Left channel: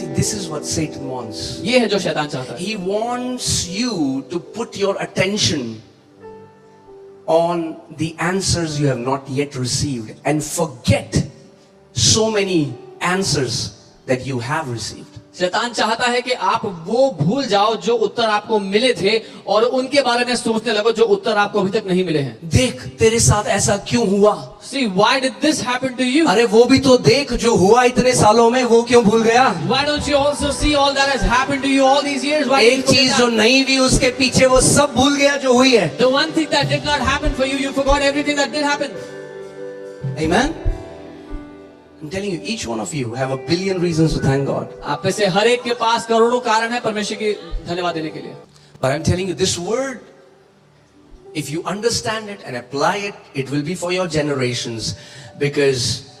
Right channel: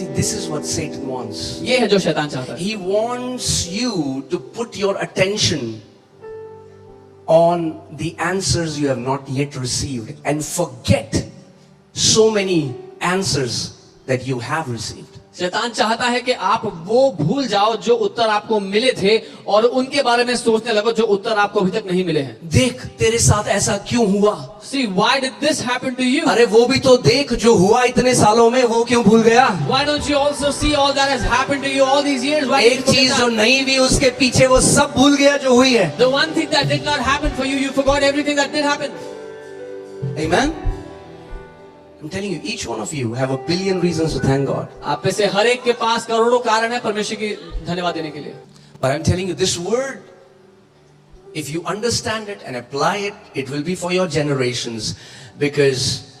See, this is what Satan wants. ये है जो शैतान चाहता है. He wants you to put your attention on the answers you have not yet received and forget so many answers that you have received. शैतान चाहता है कि आप वो भूल जाओ जो उत्तर आपको मिले थे और उनके बारे में सोचने लगो जो उत्तर आपको अभी तक नहीं मिले हैं. देख तेरे साथ ऐसा क्यों हुआ? See, why did this happen to you? अरे वो भी तो देख जो हुआ इतने सालों में, वो क्यों भूल गया? Why don't you also see all that has happened to you all these years? Why एक चीज जो नहीं हुई उसके पीछे वो सब भूल गया जो हुई है. The one thing that did not happen for you, you forgot everything that did happen. Amen. I'm telling you, each one of you have a billion reasons to thank God. आप में से हर एक के पास करोड़ों कारण है परमेश्वर की धन्यवाद देने के लिए. But I'm telling you, this word, if you understand it and apply it, it will be for your generations, because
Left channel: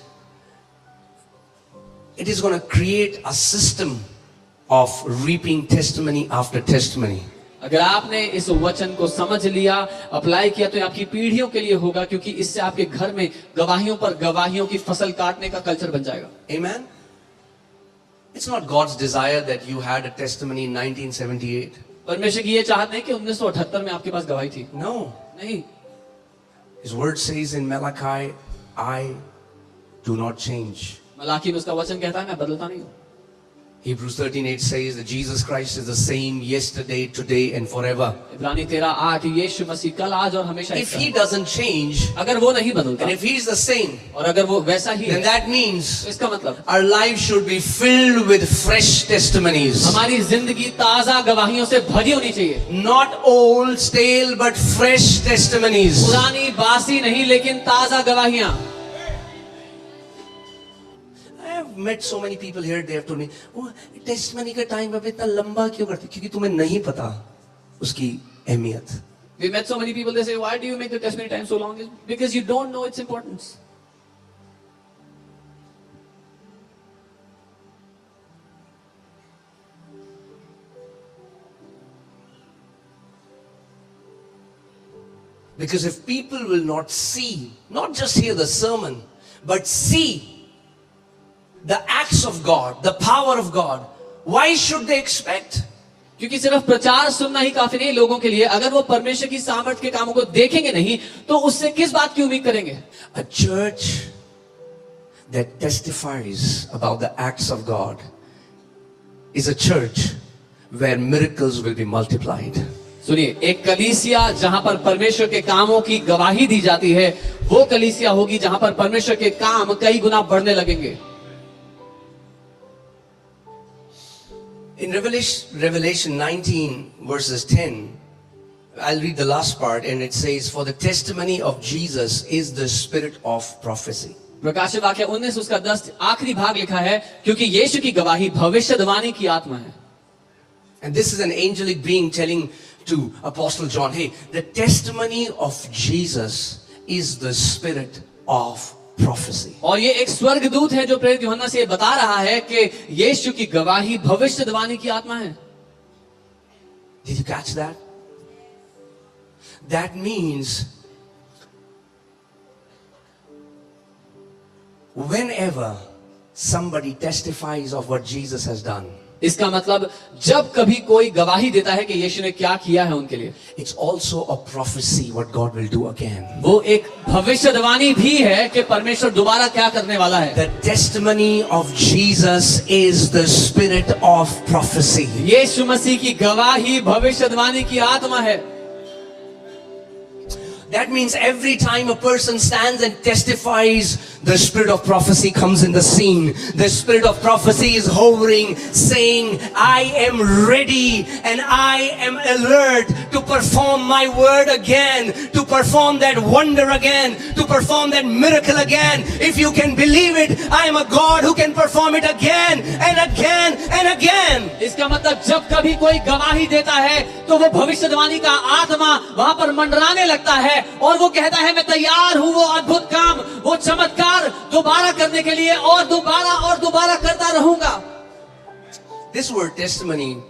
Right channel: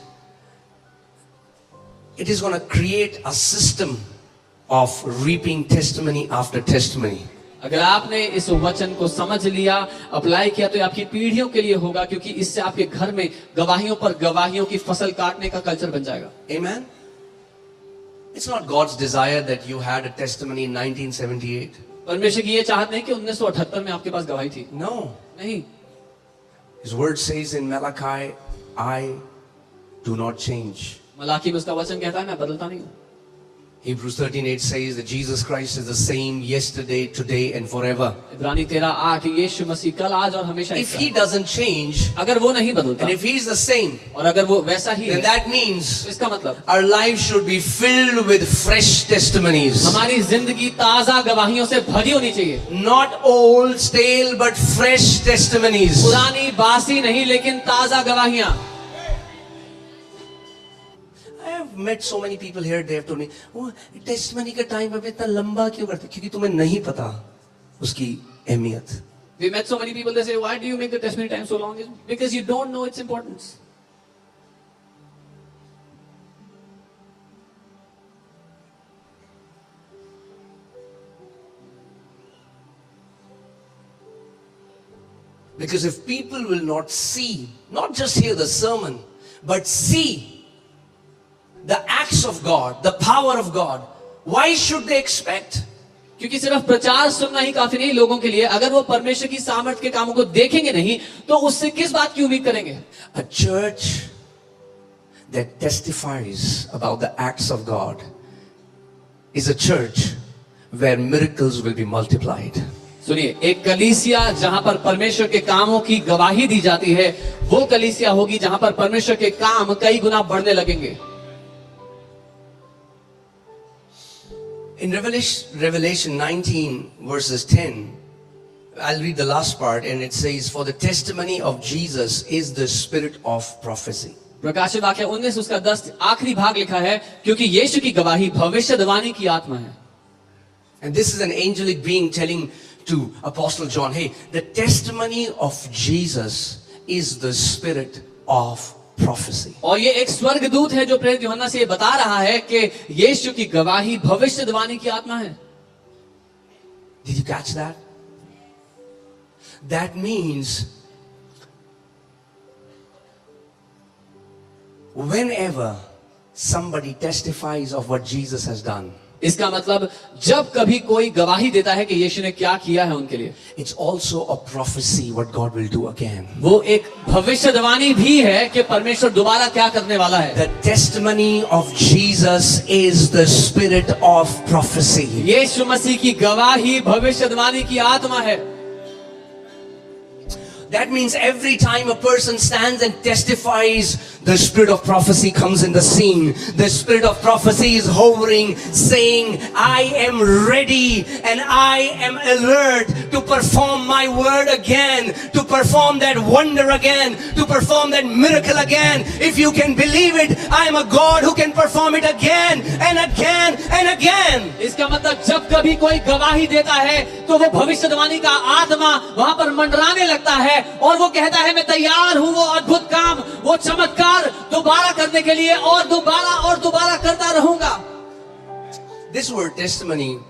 it is going to create a system of reaping testimony after testimony. अगर आपने इस वचन को समझ लिया, apply किया, तो आपकी पीढ़ियों के लिए होगा, क्योंकि इससे आपके घर में गवाहियों पर गवाहियों की फसल काटने का कल्चर बन जाएगा. Amen. It's not God's desire that you had a testimony in 1978. परमेश्वर की ये चाहत नहीं कि 1978 में आपके पास गवाही थी. No. नहीं. His word says in Malachi, I do not change. Malachi में उसका वचन कहता है मैं बदलता नहीं हूँ. Hebrews 13:8 says that Jesus Christ is the same yesterday, today and forever. इब्रानी 13:8 यीशु मसीह कल आज और हमेशा If he doesn't change, अगर वो नहीं बदलता and if he is the same, और अगर वो वैसा ही then है, that means तो इसका मतलब our lives should be filled with fresh testimonies. हमारी जिंदगी ताजा गवाहियों से भरी होनी चाहिए. Not old, stale, but fresh testimonies. पुरानी बासी नहीं, लेकिन ताजा गवाहियां. I have met so many people here, they have told me, oh, testimony का time अब इतना लंबा क्यों करते? क्योंकि तुम्हें नहीं पता उसकी अहमियत. We met so many people, they say, why do you make the testimony time so long? Because you don't know its importance. Because if people will not see, not just hear the sermon, but see the acts of God, the power of God, why should they expect? क्योंकि सिर्फ प्रचार सुनना ही काफी नहीं लोगों के लिए. अगर वो परमेश्वर की सामर्थ्य के कामों को देखेंगे नहीं, तो उससे किस बात की उम्मीद करेंगे? A church that testifies about the acts of God is a church where miracles will be multiplied. सुनिए, एक कलीसिया जहां पर परमेश्वर के कामों की गवाही दी जाती है, वो कलीसिया होगी जहां पर परमेश्वर के काम कई गुना बढ़ने लगेंगे. In Revelation 19 verses 10, I'll read the last part, and it says, for the testimony of Jesus is the spirit of prophecy. प्रकाशित वाक्य 19 उसका 10 आखिरी भाग लिखा है, क्योंकि यीशु की गवाही भविष्यवाणी की आत्मा है. And this is an angelic being telling to Apostle John, hey, the testimony of Jesus is the spirit of prophecy. और ये एक स्वर्गदूत है जो प्रेरित यूहन्ना से बता रहा है कि यीशु की गवाही भविष्यवाणी की आत्मा है. Did you catch that? That means whenever somebody testifies of what Jesus has done, इसका मतलब जब कभी कोई गवाही देता है कि यीशु ने क्या किया है उनके लिए, it's also a prophecy what God will do again. वो एक भविष्यवाणी भी है कि परमेश्वर दोबारा क्या करने वाला है. The testimony of Jesus is the spirit of prophecy. यीशु मसीह की गवाही भविष्यवाणी की आत्मा है. That means every time a person stands and testifies, the spirit of prophecy comes in the scene. The spirit of prophecy is hovering, saying, I am ready and I am alert to perform my word again, to perform that wonder again, to perform that miracle again. If you can believe it, I am a God who can perform it again and again and again. इसका मतलब जब कभी कोई गवाही देता है तो वो भविष्यवाणी का आत्मा वहां पर मंडराने लगता है और वो कहता है मैं तैयार हूं वो अद्भुत काम, वो चमत्कार दोबारा करने के लिए और दोबारा करता रहूंगा. This word testimony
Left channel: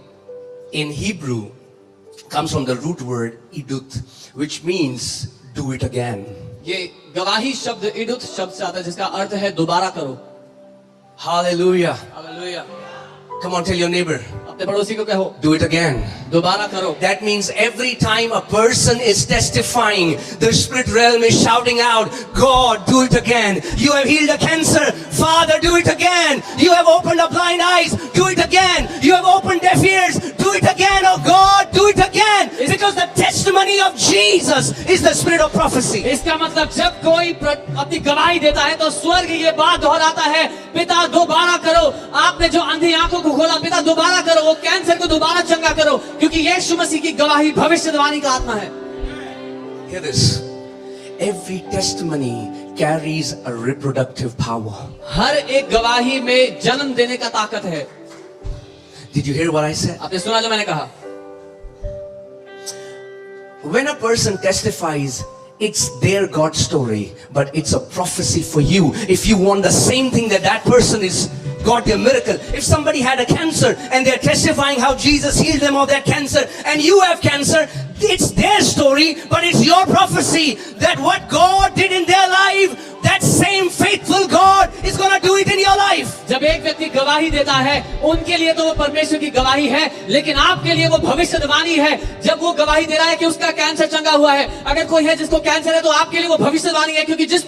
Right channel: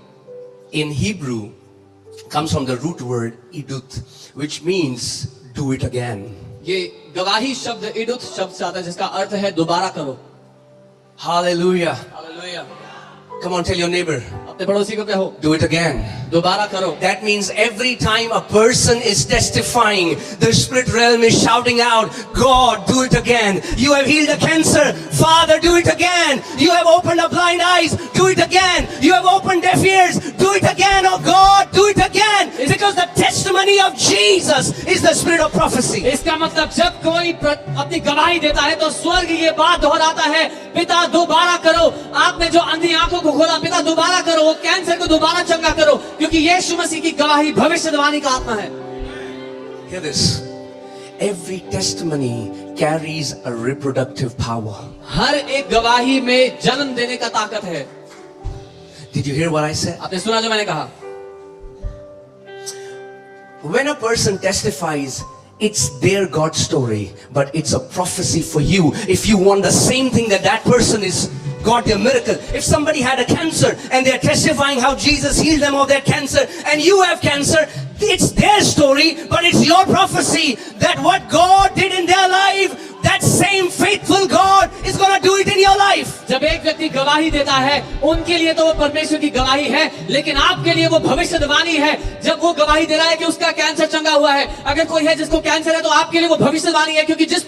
in Hebrew comes from the root word idut, which means do it again. ये गवाही शब्द इडुत शब्द से आता है जिसका अर्थ है दोबारा करो. Hallelujah. Hallelujah. Come on, tell your neighbor, अपने पड़ोसी को कहो, do it again. दोबारा करो. That means every time a person is testifying, the spirit realm is shouting out, God, do it again. You have healed a cancer. Father, do it again. You have opened up blind eyes. Do it again. You have opened deaf ears. Do it again. Oh God, do it again. Because the testimony of Jesus is the spirit of prophecy. इसका मतलब जब कोई अपनी गवाही देता है तो स्वर्ग ये बात दोहराता है, पिता दोबारा करो. आपने जो अंधी आंखों को खोला, पिता दोबारा करो. वो कैंसर को दोबारा चंगा करो, क्योंकि यीशु मसीह की गवाही भविष्यवाणी का आत्मा है. Hear this. Every testimony carries a reproductive power. हर एक गवाही में जन्म देने का ताकत है. Did you hear what I said? आपने सुना जो मैंने कहा? When a person testifies, it's their God story, but it's a prophecy for you. If you want the same thing that that person is got a miracle. If somebody had a cancer and they're testifying how Jesus healed them of that cancer, and you have cancer, it's their story, but it's your prophecy that what God did in their life, that same faithful God is going to do it in your life. जब एक व्यक्ति गवाही देता है, उनके लिए तो वो परमेश्वर की गवाही है, लेकिन आपके लिए वो भविष्यवाणी है. जब वो गवाही दे रहा है कि उसका कैंसर चंगा हुआ है, अगर कोई है जिसको कैंसर है, तो आपके लिए वो भविष्यवाणी है, क्योंकि जिस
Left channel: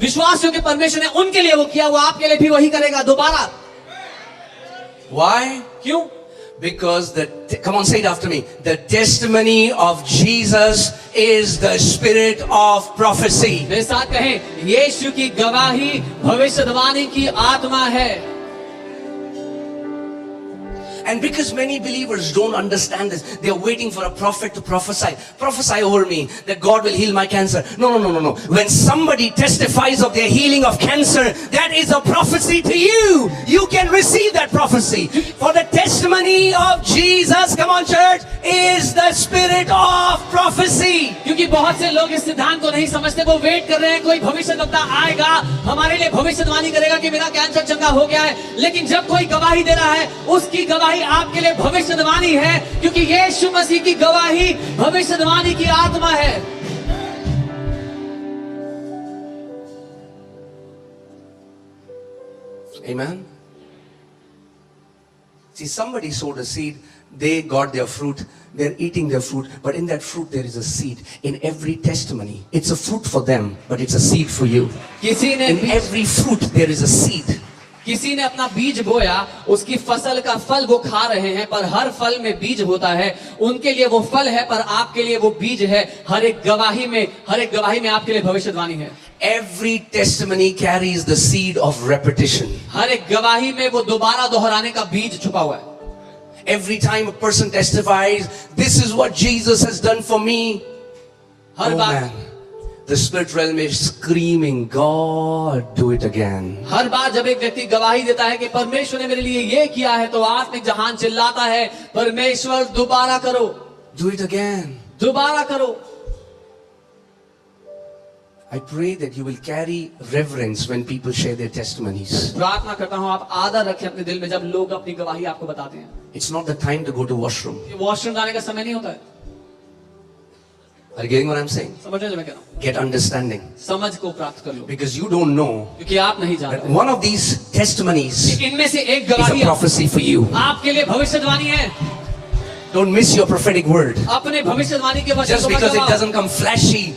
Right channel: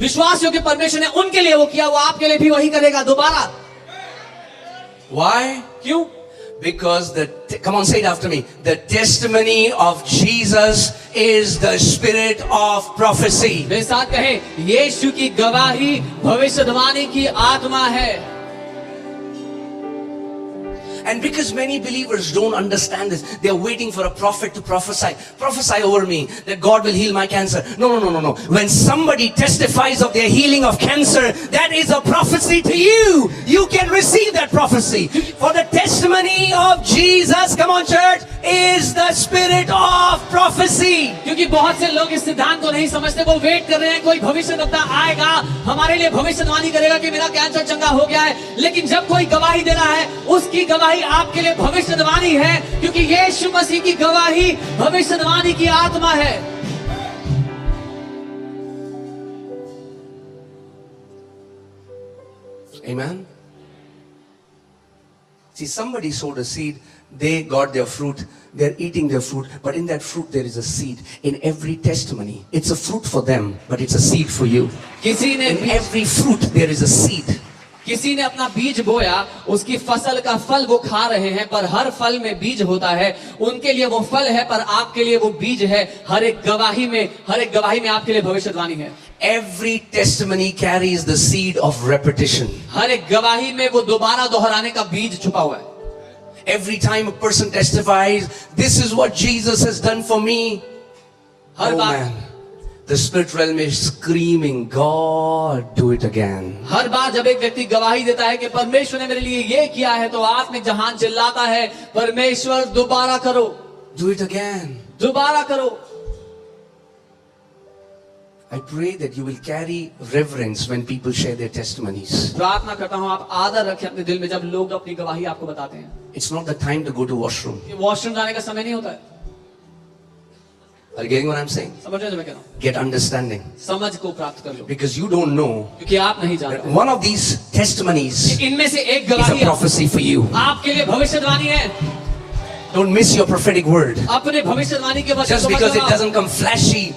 विश्वास योग्य परमेश्वर ने उनके लिए वो किया, वो आपके लिए भी वही करेगा दोबारा. Why? क्यों? Because come on, say it after me. The testimony of Jesus is the spirit of prophecy. मेरे साथ कहें, यीशु की गवाही भविष्यवाणी की आत्मा है. And because many believers don't understand this, they are waiting for a prophet to prophesy. Prophesy over me that God will heal my cancer. No. When somebody testifies of their healing of cancer, that is a prophecy to you. You can receive that prophecy. For the testimony of Jesus, come on church, is the spirit of prophecy. क्योंकि बहुत से लोग इस सिद्धांत को नहीं समझते, वो वेट कर रहे हैं कोई भविष्यवक्ता आएगा, हमारे लिए भविष्यवाणी करेगा कि मेरा कैंसर चंगा हो गया है. लेकिन जब कोई गवाही दे रहा है, उसकी गवाही आपके लिए भविष्यवाणी है, क्योंकि यीशु मसीह की गवाही भविष्यवाणी की आत्मा है. Amen. See, somebody sowed a seed, they got their fruit, they're eating their fruit, but in that fruit there is a seed. In every testimony, it's a fruit for them, but it's a seed for you. In every fruit there is a seed. किसी ने अपना बीज बोया, उसकी फसल का फल वो खा रहे हैं, पर हर फल में बीज होता है. उनके लिए वो फल है, पर आपके लिए वो बीज है. हर एक गवाही में आपके लिए भविष्यवाणी है. Every testimony carries the seed of repetition. हर एक गवाही में वो दोबारा दोहराने का बीज छुपा हुआ है. Every time a person testifies, this is what Jesus has done for me. Her bar the spirit realm is screaming, God, do it again. हर बार जब एक व्यक्ति गवाही देता है कि परमेश्वर ने मेरे लिए ये किया है, तो आत्मिक जहान चिल्लाता है, परमेश्वर दोबारा करो. Do it again. दोबारा करो. I pray that you will carry reverence when people share their testimonies. प्रार्थना करता हूँ आप आदर रखें अपने दिल में जब लोग अपनी गवाही आपको बताते हैं. It's not the time to go to washroom. Washroom जाने का समय नहीं होता है. Are you getting what I'm saying? समझ रहे हो मैं कह रहा हूँ? Get understanding. समझ को प्राप्त कर लो. Because you don't know क्योंकि आप नहीं that जानते. one of these testimonies इनमें से एक is a गवाही prophecy for you. आपके लिए भविष्यवाणी है. Don't miss your prophetic word. अपने भविष्यवाणी के वचन Just को मत because it गवाओ. doesn't come flashy,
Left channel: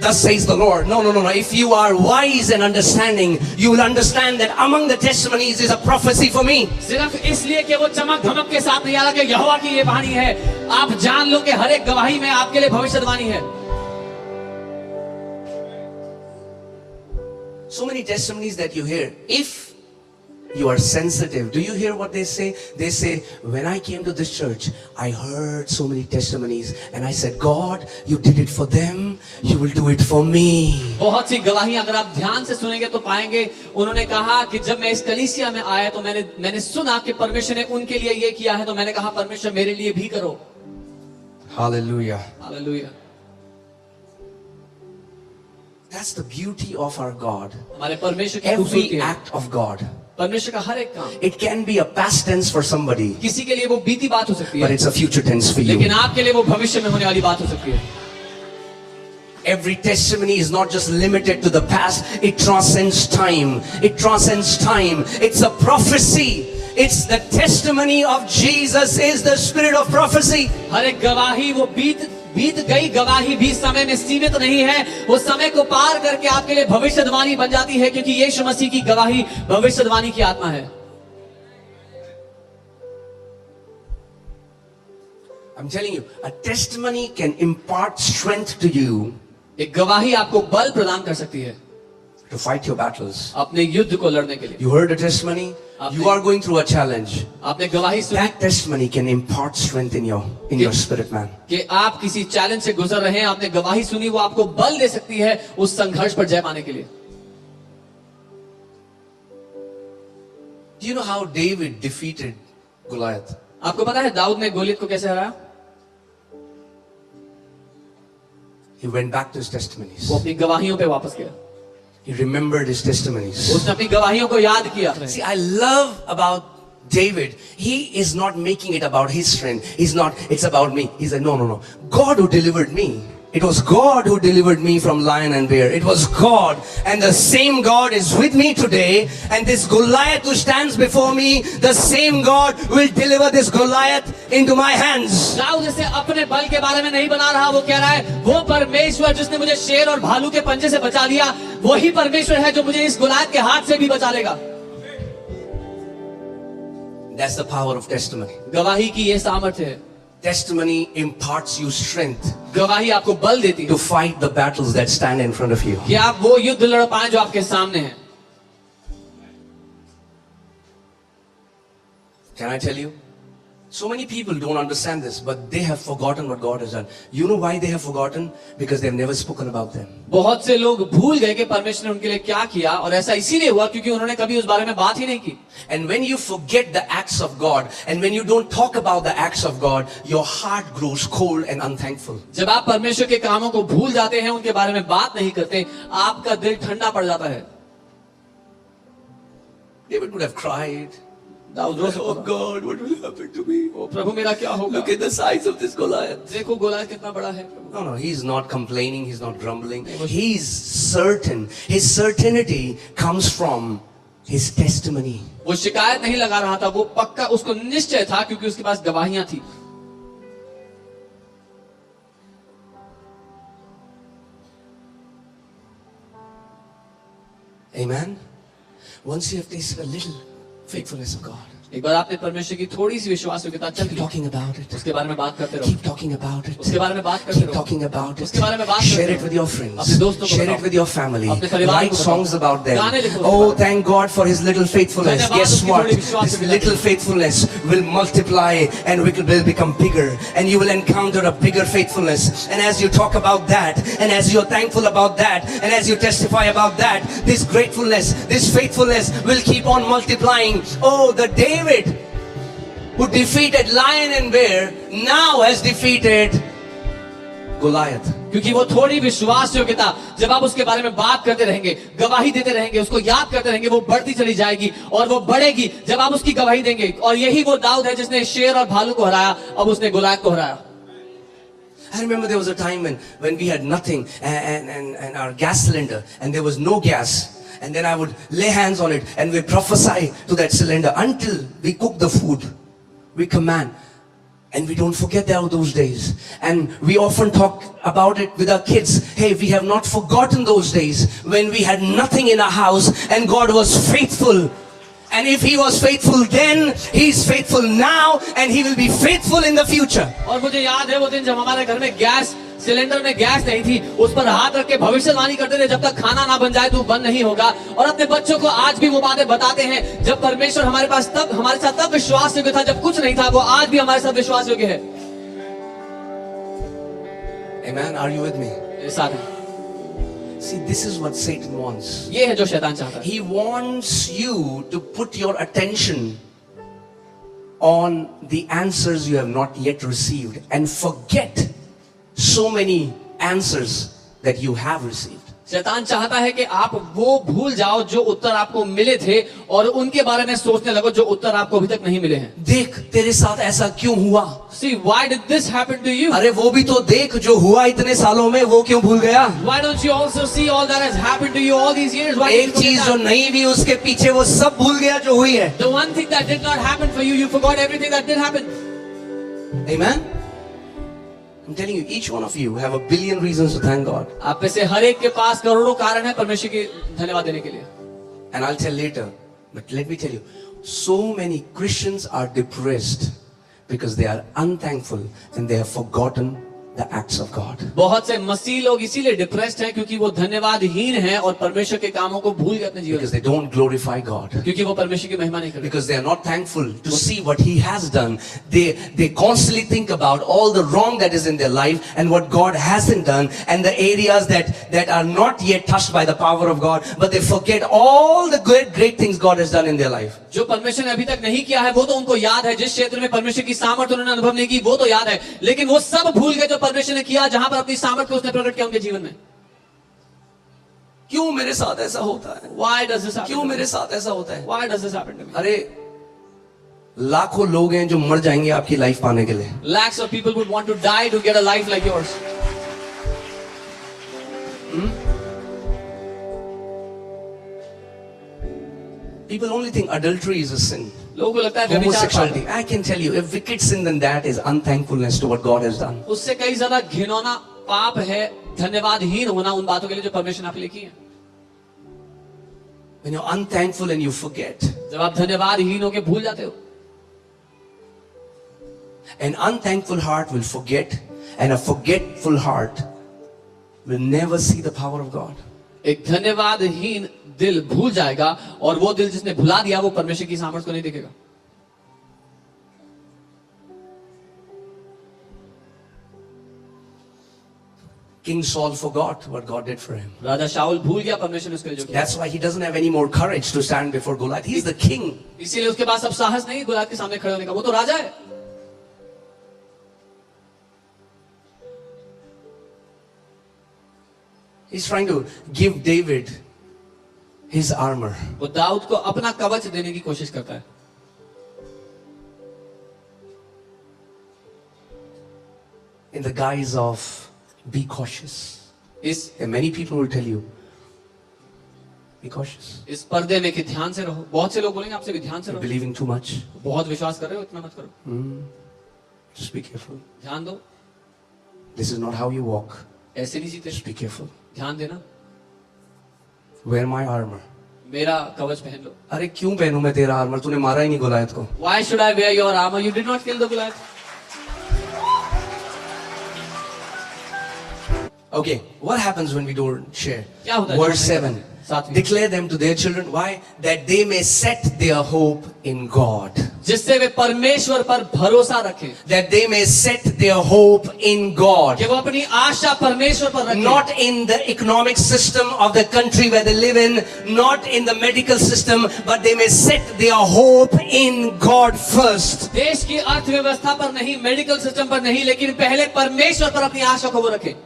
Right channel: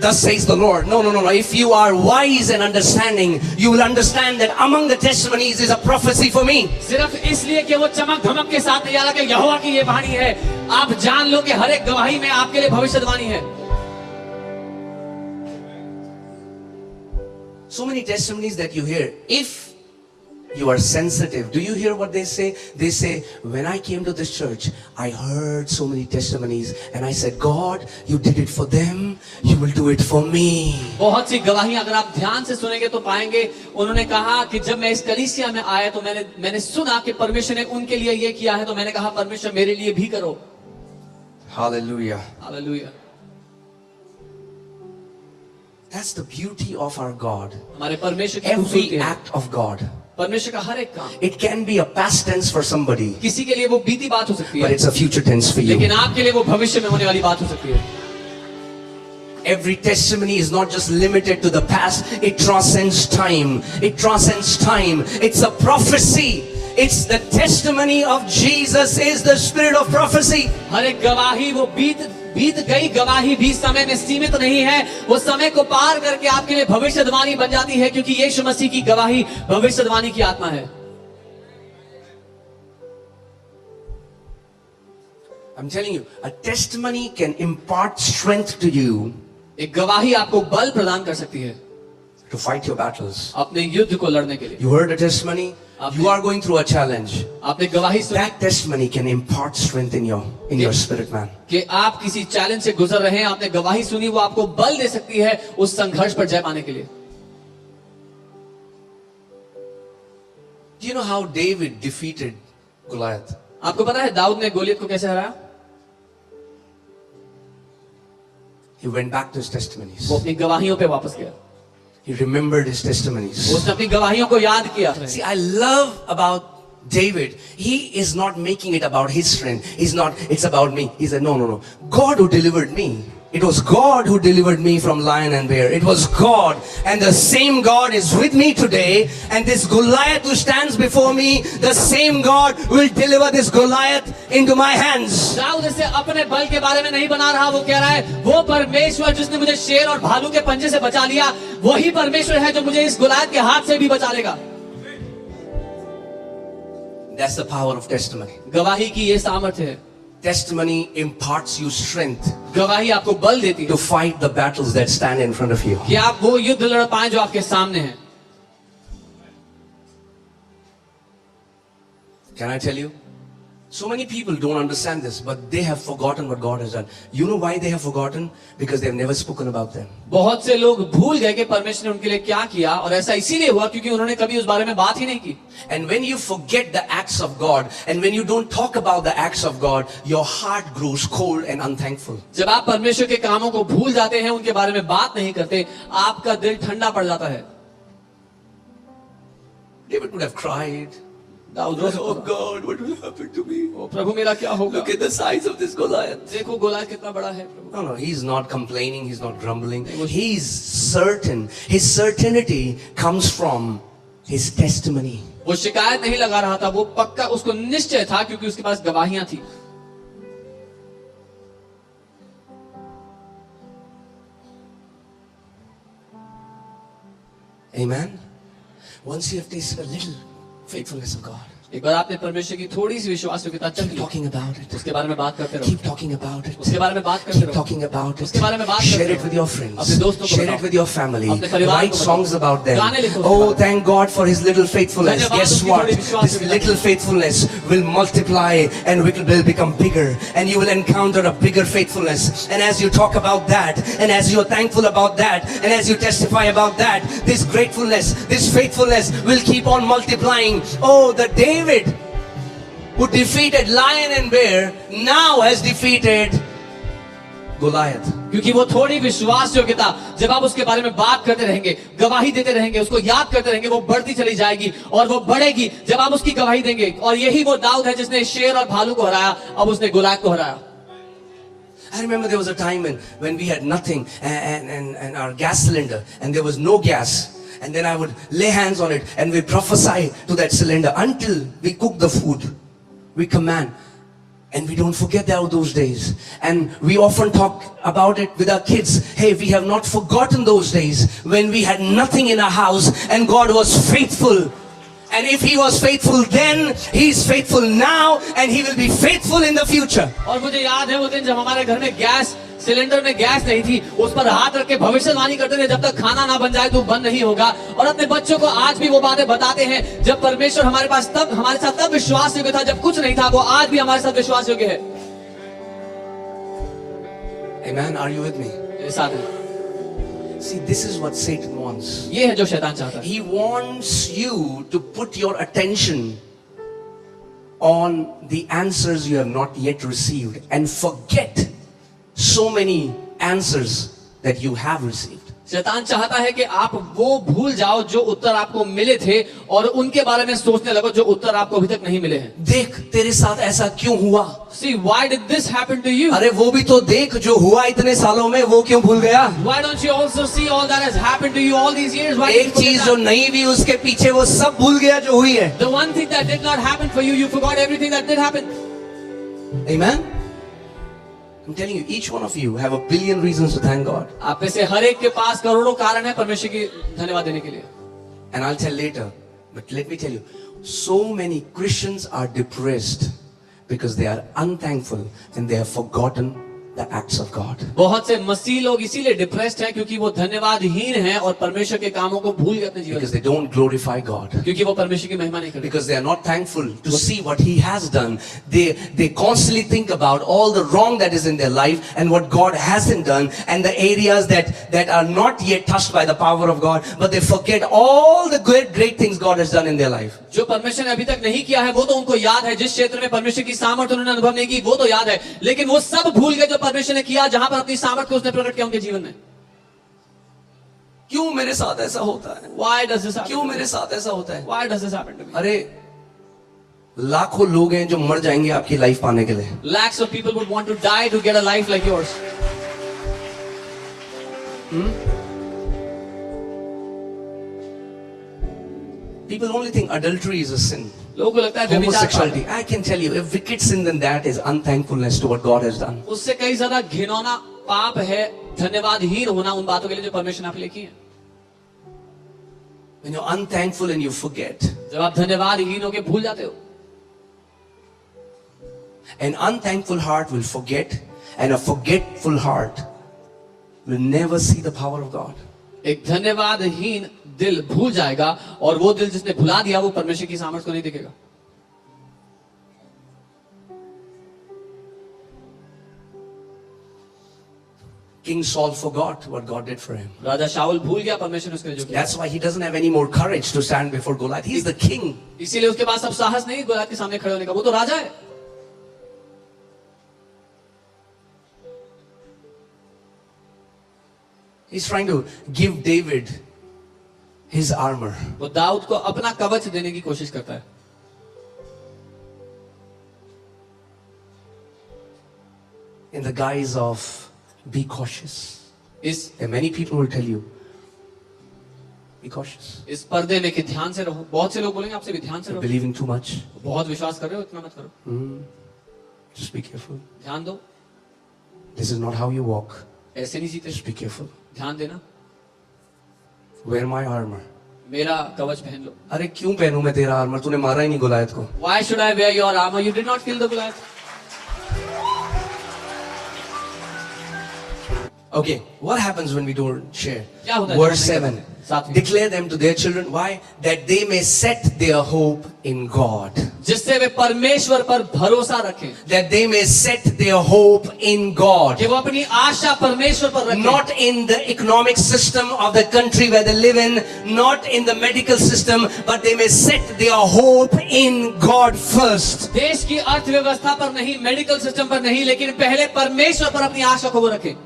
thus says the Lord. No. If you are wise and understanding, you will understand that among the testimonies is a prophecy for me. सिर्फ इसलिए कि वो चमक धमक के साथ नहीं आ रहा कि यहोवा की ये वाणी है. आप जान लो कि हर एक गवाही में आपके लिए भविष्यवाणी है. So many testimonies that you hear, if you are sensitive, do you hear what they say? They say, when I came to this church, I heard so many testimonies and I said, God, you did it for them, you will do it for me. बहुत सी गवाहियां अगर आप ध्यान से सुनेंगे तो पाएंगे, उन्होंने कहा कि जब मैं इस कलीसिया में आया तो मैंने सुना कि परमेश्वर ने उनके लिए ये किया है, तो मैंने कहा परमेश्वर मेरे लिए भी करो. Hallelujah. Hallelujah. That's the beauty of our God. हमारे परमेश्वर की Every खूबसूरती है. act of God. परमेश्वर का हर एक काम It can be a past tense for somebody, किसी के लिए वो बीती बात हो सकती but है, it's a future tense for लेकिन you. आपके लिए वो भविष्य में होने वाली बात हो सकती है. Every testimony is not just limited to the past, it transcends time. It transcends time. It's a prophecy. It's the testimony of Jesus is the spirit of prophecy. हर एक गवाही वो बीत गई गवाही भी समय में सीमित नहीं है, वो समय को पार करके आपके लिए भविष्यवाणी बन जाती है, क्योंकि यीशु मसीह की गवाही भविष्यवाणी की आत्मा है। I'm telling you, a testimony can impart strength to you एक गवाही आपको बल प्रदान कर सकती है to fight your battles. अपने युद्ध को लड़ने के लिए। You heard a testimony? You are going through a challenge. आपने गवाही सुनी That testimony can impart strength in your spirit, man. कि आप किसी चैलेंज से गुजर रहे हैं, आपने गवाही सुनी, वो आपको बल दे सकती है उस संघर्ष पर जय पाने के लिए। Do you know how David defeated Goliath? आपको पता है दाऊद ने गोलियत को कैसे हराया? He went back to his testimonies. वो अपनी गवाहियों पे वापस गया। He remembered his testimonies. उसने अपनी गवाहियों को याद किया। See, I love about David. He is not making it about his strength. It's about me. He said, no. God who delivered me. It was God who delivered me from lion and bear. It was God. And the same God is with me today. And this Goliath who stands before me, the same God will deliver this Goliath into my hands. Dawood इसे अपने बल के बारे में नहीं बना रहा, वो कह रहा है वो परमेश्वर जिसने मुझे शेर और भालू के पंजे से बचा लिया, वही परमेश्वर है जो मुझे इस गुलायत के हाथ से भी बचा लेगा। That's the power of testimony. गवाही की ये सामर्थ्य है। Testimony imparts you strength गवाही आपको बल देती है to fight the battles that stand in front of you. कि आप वो युद्ध लड़ पाए जो आपके सामने है। Can I tell you? So many people don't understand this, but they have forgotten what God has done. You know why they have forgotten? Because they've never spoken about them. बहुत से लोग भूल गए कि परमेश्वर ने उनके लिए क्या किया, और ऐसा इसीलिए हुआ क्योंकि उन्होंने कभी उस बारे में बात ही नहीं की। And when you forget the acts of God, and when you don't talk about the acts of God, your heart grows cold and unthankful. जब आप परमेश्वर के कामों को भूल जाते हैं, उनके बारे में बात नहीं करते, आपका दिल ठंडा पड़ जाता है। David would have cried. Dawood Oh God, what will happen to me? ओ प्रभु मेरा क्या होगा? Look at the size of this Goliath. देखो गोलायत कितना बड़ा है। No, he's not complaining, he's not grumbling. He's certain. His certainty comes from his testimony. वो शिकायत नहीं लगा रहा था, वो पक्का उसको निश्चय था क्योंकि उसके पास गवाहियां थी। Amen. Once you have tasted a little faithfulness of God, एक बार आपने परमेश्वर की थोड़ी सी विश्वास योग्यता चख keep Lee, talking about it. उसके बारे में बात करते रहो, Keep talking about it. उसके बारे में बात करते Keep रहो, talking about it. उसके बारे में बात करते Share it रहो, with your अपने friends. दोस्तों को Share बताओ, it with your family. अपने परिवार Write को बताओ, songs about them. गाने लिखो उसके Oh, बारे में। thank God for His little faithfulness. धन्यवाद Guess उसकी what? थोड़ी विश्वास This योग्यता little के लिए। faithfulness will multiply and will become bigger. And you will encounter a bigger faithfulness. And as you talk about that, and as you're thankful about that, and as you testify about that, this gratefulness, this faithfulness will keep on multiplying. Oh, the David who defeated lion and bear now has defeated Goliath. क्योंकि वो थोड़ी विश्वास योग्यता जब आप उसके बारे में बात करते रहेंगे, गवाही देते रहेंगे, उसको याद करते रहेंगे, वो बढ़ती चली जाएगी और वो बढ़ेगी जब आप उसकी गवाही देंगे। और यही वो दाऊद है जिसने शेर और भालू को हराया, अब उसने गोलायत को हराया। I remember there was a time when we had nothing and our gas cylinder and there was no gas. And then I would lay hands on it and we prophesy to that cylinder until we cook the food. We command. And we don't forget those days. And we often talk about it with our kids. Hey, we have not forgotten those days when we had nothing in our house and God was faithful. And if He was faithful then, He is faithful now and He will be faithful in the future. और मुझे याद है वो दिन जब हमारे घर में गैस सिलेंडर में गैस नहीं थी, उस पर हाथ रख के भविष्यवाणी करते थे जब तक खाना ना बन जाए तो बंद नहीं होगा। और अपने बच्चों को आज भी वो बातें बताते हैं, जब परमेश्वर हमारे साथ तब विश्वास योग्य था जब कुछ नहीं था, वो आज भी हमारे साथ विश्वास योग्य है। Amen. Are you with me? मेरे साथ है। See, this is what Satan wants. ये है जो शैतान चाहता है। He wants you to put your attention on the answers you have not yet received and forget so many answers that you have received. शैतान चाहता है कि आप वो भूल जाओ जो उत्तर आपको मिले थे और उनके बारे में सोचने लगो जो उत्तर आपको अभी तक नहीं मिले हैं। देख तेरे साथ ऐसा क्यों हुआ? See, why did this happen to you? अरे वो भी तो देख जो हुआ इतने सालों में, वो क्यों भूल गया? Why don't you also see all that has happened to you all these years? Why एक did you चीज forget जो that? नहीं भी उसके पीछे वो सब भूल गया जो हुई है। The one thing that did not happen for you, you forgot everything that did happen. Amen? I'm telling you, each one of you have a billion reasons to thank God. आप में से हर एक के पास करोड़ों कारण है परमेश्वर की धन्यवाद देने के लिए। And I'll tell later. But let me tell you, so many Christians are depressed because they are unthankful and they have forgotten the acts of God. बहुत से मसीह लोग इसीलिए डिप्रेस्ड हैं क्योंकि वो धन्यवादहीन हैं और परमेश्वर के कामों को भूल गए अपने जीवन Because में, they don't glorify God. क्योंकि वो परमेश्वर की महिमा नहीं करते। Because they are not thankful to see what He has done. They constantly think about all the wrong that is in their life and what God hasn't done and the areas that are not yet touched by the power of God, but they forget all the great things God has done in their life. जो परमेश्वर ने अभी तक नहीं किया है वो तो उनको याद है, जिस क्षेत्र में परमेश्वर की सामर्थ्य उन्होंने अनुभव नहीं की वो तो याद है, लेकिन वो सब भूल गए जो परमेश्वर ने किया, जहां पर अपनी सामर्थ्य को उसने प्रकट किया उनके जीवन में। क्यों मेरे साथ ऐसा होता है? Why does this happen? क्यों मेरे साथ ऐसा होता है? Why does this happen to me? अरे लाखों लोग हैं जो मर जाएंगे आपकी लाइफ पाने के लिए। Lakhs of people would want to die to get a life like yours. People only think adultery is a sin. लोगों को लगता है व्यभिचार पाप Homosexuality. है। I can tell you, a wicked sin than that is unthankfulness to what God has done. उससे कई ज्यादा घिनौना पाप है धन्यवादहीन होना उन बातों के लिए जो परमेश्वर ने आपके लिए की है। When you're unthankful and you forget, जब आप धन्यवादहीन होकर भूल जाते हो, an unthankful heart will forget, and a forgetful heart will never see the power of God. एक धन्यवादहीन दिल भूल जाएगा और वो दिल जिसने भुला दिया वो परमेश्वर की सामर्थ्य को नहीं देखेगा। King Saul forgot what God did for him. राजा शाऊल भूल गया परमेश्वर ने उसके लिए जो किया। That's why he doesn't have any more courage to stand before Goliath. He's the king. इसीलिए उसके पास अब साहस नहीं गोलियत के सामने खड़े होने का, वो तो राजा है। He's trying to give David his armor. वो दाऊद को अपना कवच देने की कोशिश करता है। In the guise of be cautious. And many people will tell you, be cautious. इस पर्दे में कि ध्यान से रहो। बहुत से लोग बोलेंगे आपसे कि ध्यान से You're रहो, believing too much. बहुत विश्वास कर रहे हो, इतना मत करो, Just be careful. ध्यान दो, This is not how you walk. ऐसे नहीं जीते, Just be careful. ध्यान देना, Wear my armor. मेरा कवच पहन लो। अरे क्यों पहनूं मैं तेरा आर्मर? तूने मारा ही नहीं गोलायत को। Why should I wear your armor? You did not kill the Goliath. Okay, what happens when we don't share? क्या होता है Verse जब हम 7. नहीं करते? सातवीं। Declare them to their children. Why? That they may set their hope in God. जिससे वे परमेश्वर पर भरोसा रखें, That they may set their hope in God. कि वो अपनी आशा परमेश्वर पर रखें, Not in the economic system of the country where they live in, not in the medical system, but they may set their hope in God first. देश की अर्थव्यवस्था पर नहीं, मेडिकल सिस्टम पर नहीं, लेकिन पहले परमेश्वर पर अपनी आशा को वो रखें।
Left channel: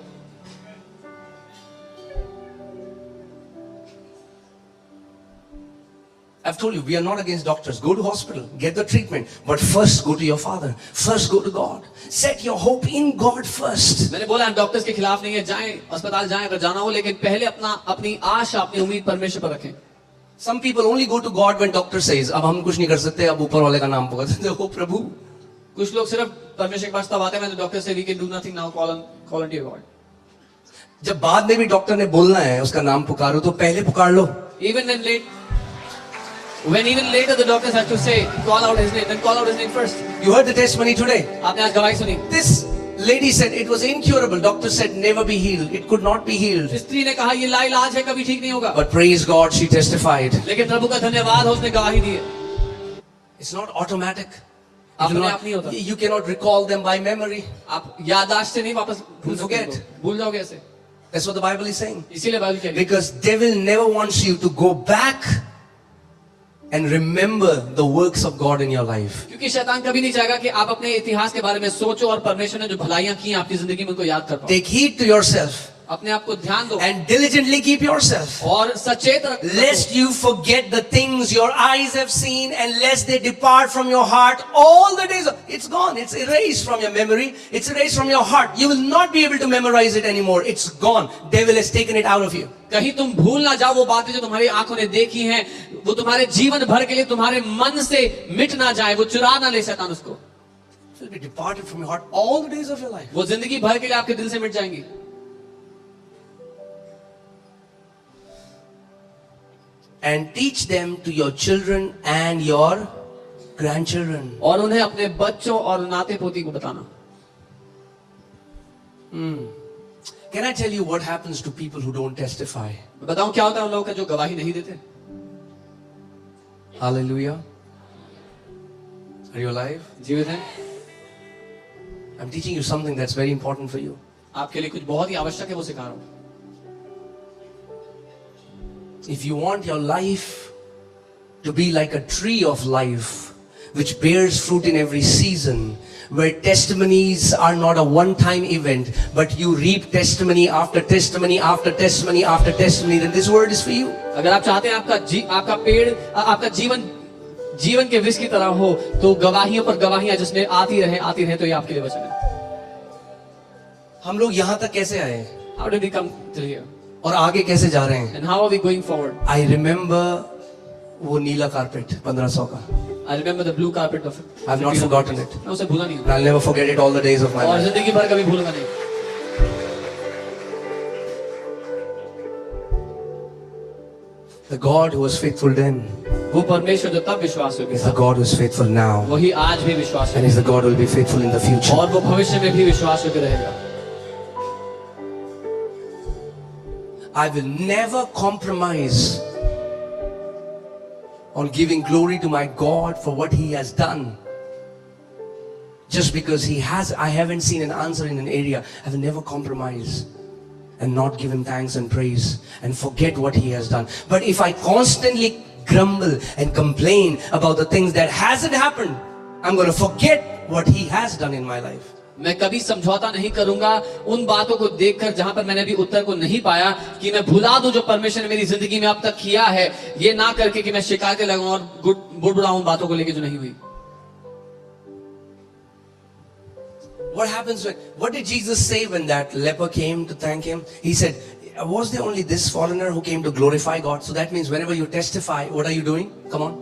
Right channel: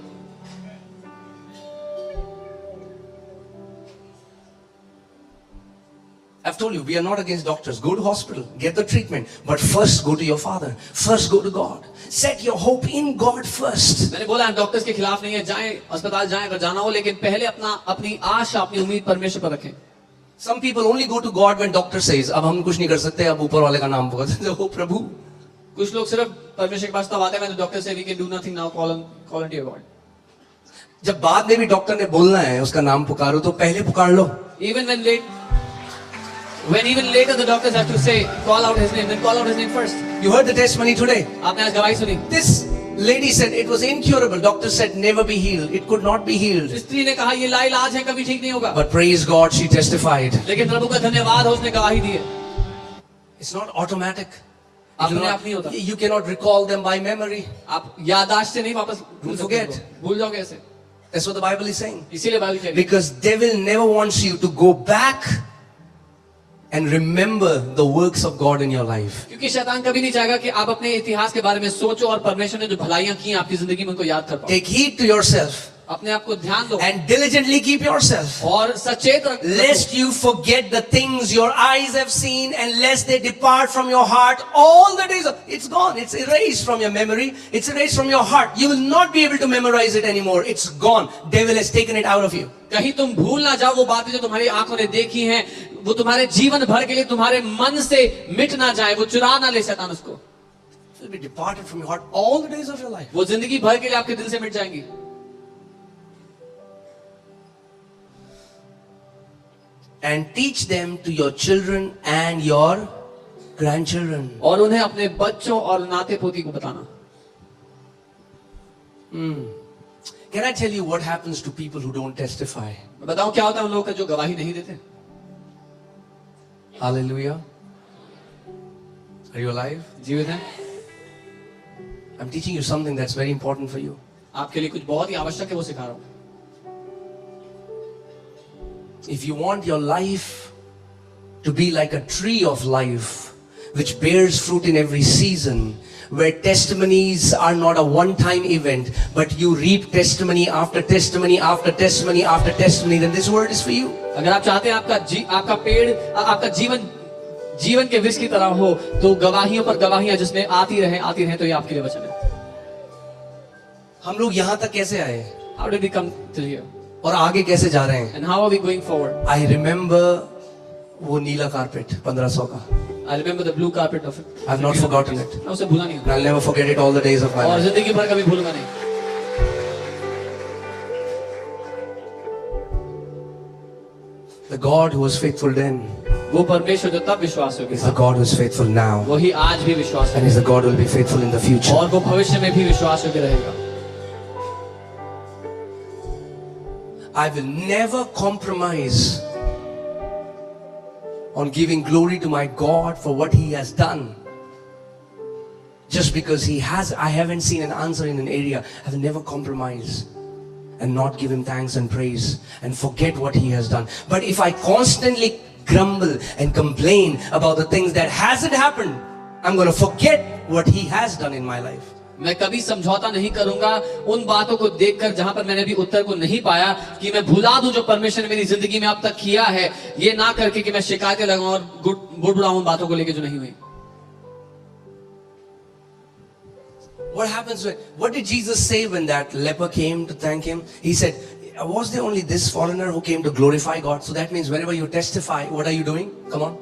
I've told you, we are not against doctors. Go to hospital, get the treatment, but first go to your Father. First go to God. Set your hope in God first. मैंने बोला हम डॉक्टर्स के खिलाफ नहीं है, जाएं अस्पताल जाएं अगर जाना हो, लेकिन पहले अपनी आशा, अपनी उम्मीद परमेश्वर पर रखें। Some people only go to God when doctor says, अब हम कुछ नहीं कर सकते, अब ऊपर वाले का नाम पुकारते हैं, ओ प्रभु। कुछ लोग सिर्फ परमेश्वर के पास तब आते हैं तो डॉक्टर से we can do nothing now, call on to your god. जब बाद में भी डॉक्टर ने बोलना है उसका नाम पुकारो तो पहले पुकार लो। When even later the doctors have to say, call out his name, then call out his name first. You heard the testimony today. आपने आज गवाही सुनी। This lady said it was incurable. Doctor said never be healed. It could not be healed. स्त्री ने कहा ये लाइलाज है, कभी ठीक नहीं होगा। But praise God, she testified. लेकिन प्रभु का धन्यवाद है, उसने गवाही दी है। It's not automatic. अपने आप नहीं होता। You cannot recall them by memory. आप याददाश्त से नहीं वापस भूल Forget. सकते, भूल जाओगे ऐसे। That's what the Bible is saying. इसीलिए बाइबल कह रही है। Because devil never wants you to go back and remember the works of God in your life. क्योंकि शैतान कभी नहीं चाहेगा कि आप अपने इतिहास के बारे में सोचो और परमेश्वर ने जो भलाइयां की हैं आपकी जिंदगी में उनको याद कर पाओ। Take heed to yourself. अपने आप को ध्यान दो and diligently keep yourself, और सचेत रखो, lest you forget the things your eyes have seen, and lest they depart from your heart all the days. It's gone. It's erased from your memory. It's erased from your heart. You will not be able to memorize it anymore. It's gone. Devil has taken it out of you. कहीं तुम भूल ना जाओ वो बातें जो तुम्हारी आंखों ने देखी हैं, वो तुम्हारे जीवन भर के लिए तुम्हारे मन से मिट ना जाए, वो चुरा ना ले शैतान उसको। It will be departed from your heart all the days of your life. वो जिंदगी भर के लिए आपके दिल से मिट जाएंगी। And teach them to your children and your grandchildren. और उन्हें अपने बच्चों और नाते पोती को बताना। Can I tell you what happens to people who don't testify? मैं बताऊं क्या होता है उन लोगों का जो गवाही नहीं देते। Hallelujah. Are you alive? जीवित है। I'm teaching you something that's very important for you. आपके लिए कुछ बहुत ही आवश्यक है, वो सिखा रहा हूं। If you want your life to be like a tree of life, which bears fruit in every season, where testimonies are not a one-time event, but you reap testimony after testimony after testimony after testimony, then this word is for you. अगर आप चाहते हैं आपका पेड़ आपका जीवन के वृक्ष की तरह हो, तो गवाहियों पर गवाहियां जिसमें आती रहे, तो ये आपके लिए वचन है। हम लोग यहाँ तक कैसे आए हैं? How did we come to here? और आगे कैसे जा रहे हैं? And how are we going forward? I remember वो नीला कारपेट 1500 का. I remember the blue carpet of it. I've not forgotten it. मैं उसे भूला नहीं हूं। I'll never forget it all the days of my और life. जिंदगी भर कभी भूलूंगा नहीं। The God who was faithful then वो परमेश्वर जो तब विश्वास योग्य is था, the God who is faithful now, वही आज भी विश्वास and is the God who will be faithful in the future. और वो भविष्य में भी विश्वास योग्य रहेगा। I will never compromise on giving glory to my God for what He has done. Just because I haven't seen an answer in an area, I will never compromise and not give Him thanks and praise and forget what He has done. But if I constantly grumble and complain about the things that hasn't happened, I'm going to forget what He has done in my life. मैं कभी समझौता नहीं करूंगा उन बातों को देखकर जहां पर मैंने अभी उत्तर को नहीं पाया, कि मैं भुला दूं जो परमेश्वर ने मेरी जिंदगी में अब तक किया है, ये ना करके कि मैं शिकायतें लगाऊं और बुड़बुड़ाऊं उन बातों को लेके जो नहीं हुई। What happens what did Jesus say when that leper came to thank Him? He said, was there only this foreigner who came to glorify God? So that means wherever you testify, what are you doing? Come on.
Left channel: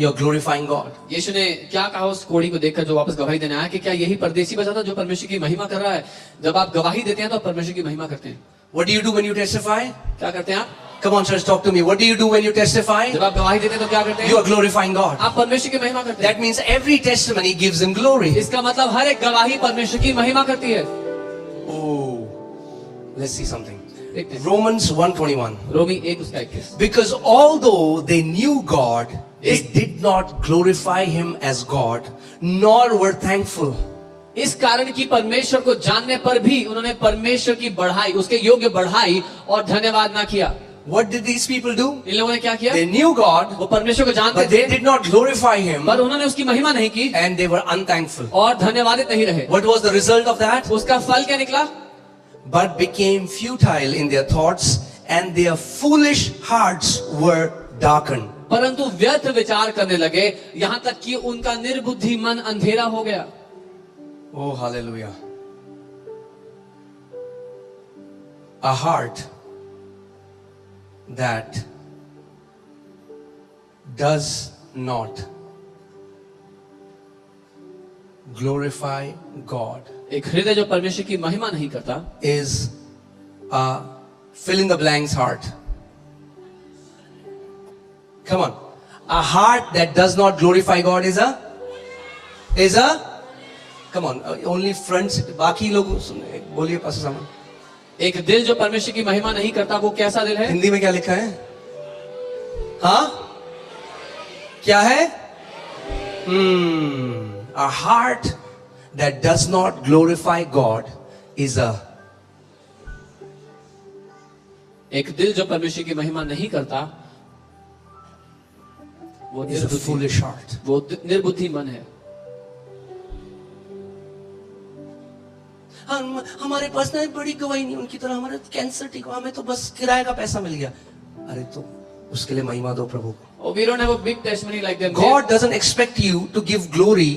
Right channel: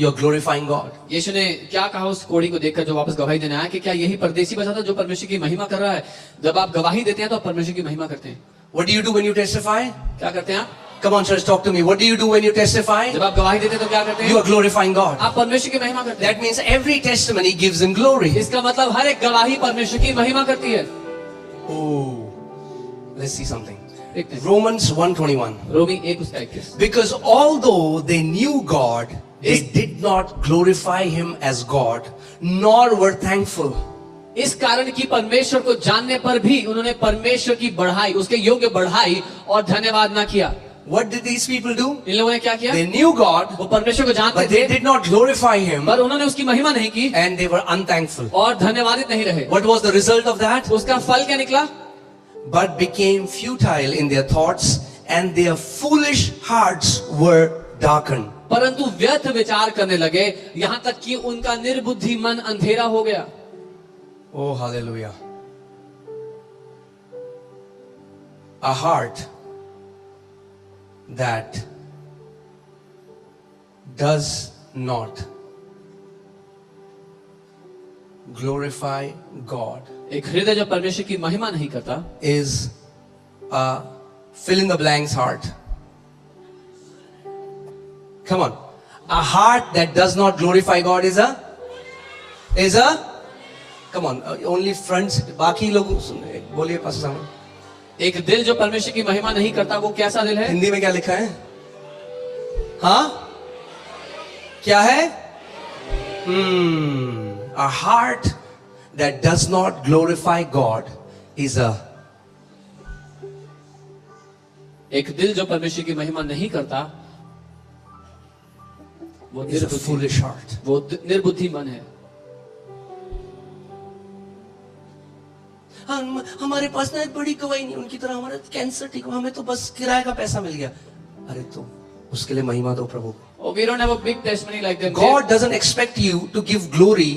You're glorifying God. यीशु ने क्या कहा उस कोढ़ी को देखकर जो वापस गवाही देने आया, कि क्या यही परदेसी बचा था जो परमेश्वर की महिमा कर रहा है? जब आप गवाही देते हैं तो आप परमेश्वर की महिमा करते हैं। What do you do when you testify? क्या करते हैं आप? Come on, church, talk to me. What do you do when you testify? जब आप गवाही देते हैं तो क्या करते हैं? You are glorifying God. आप परमेश्वर की महिमा करते हैं। That means every testimony gives Him glory. इसका मतलब हर एक गवाही परमेश्वर की महिमा करती है। Oh, let's see something. देखते हैं। Romans 1:21. Romi 1:21। Because although they knew God, they did not glorify Him as God, nor were thankful. इस कारण की परमेश्वर को जानने पर भी उन्होंने परमेश्वर की बढ़ाई, उसके योग्य बढ़ाई और धन्यवाद ना किया। What did these people do? इन लोगों ने क्या किया? They knew God, वो परमेश्वर को जानते but they थे, did not glorify Him, पर उन्होंने उसकी महिमा नहीं की and they were unthankful. और धन्यवादित नहीं रहे। What was the result of that? उसका फल क्या निकला? But became futile in their thoughts, and their foolish hearts were darkened. परंतु व्यर्थ विचार करने लगे, यहाँ तक कि उनका निर्बुद्धि मन अंधेरा हो गया। Oh, hallelujah. A heart that does not glorify God एक हृदय जो परमेश्वर की महिमा नहीं करता is a fill in the blanks heart. Come on. A heart that does not glorify God is a come on, only friends, बाकी लोग सुने, बोलिए पास्टर साहब। एक दिल जो परमेश्वर की महिमा नहीं करता, वो कैसा दिल है? हिंदी में क्या लिखा है? हाँ, क्या है? A heart that does not glorify God is एक दिल जो परमेश्वर की महिमा नहीं करता, वो a foolish heart. वो निर्बुद्धि मन है। हमारे पास ना एक बड़ी गवाही नहीं, उनकी तरह हमारे कैंसर ठीक हुआ, हमें तो बस किराए का पैसा मिल गया। अरे तो उसके लिए महिमा दो प्रभु को। Oh, we don't have a big testimony like them. God doesn't expect you to give glory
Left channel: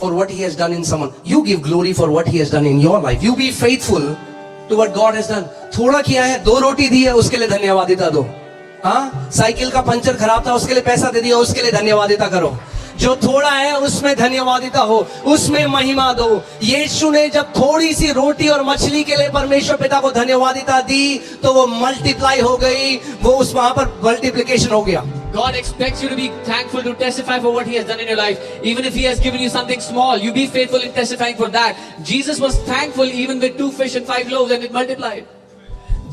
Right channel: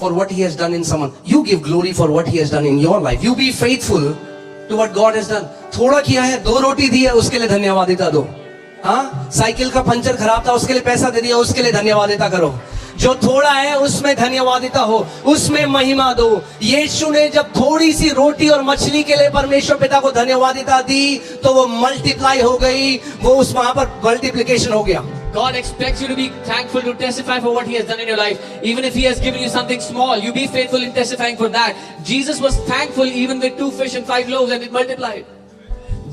for what He has done in someone. You give glory for what He has done in your life. You be faithful to what God has done. थोड़ा किया है, 2 रोटी दी है, उसके लिए धन्यवादिता दो। हाँ, cycle का puncture खराब था, उसके लिए पैसा दे दिया, उसके लिए धन्यवादिता करो। जो थोड़ा है उसमें धन्यवादिता हो, उसमें महिमा दो। यीशु ने जब थोड़ी सी रोटी और मछली के लिए परमेश्वर पिता को धन्यवादिता दी तो वो मल्टीप्लाई हो गई, वो उस वहां पर मल्टीप्लिकेशन हो गया। God expects you to be thankful, to testify for what He has done in your life. Even if He has given you something small, you be faithful in testifying for that. Jesus was thankful even with 2 fish and 5 loaves and it multiplied.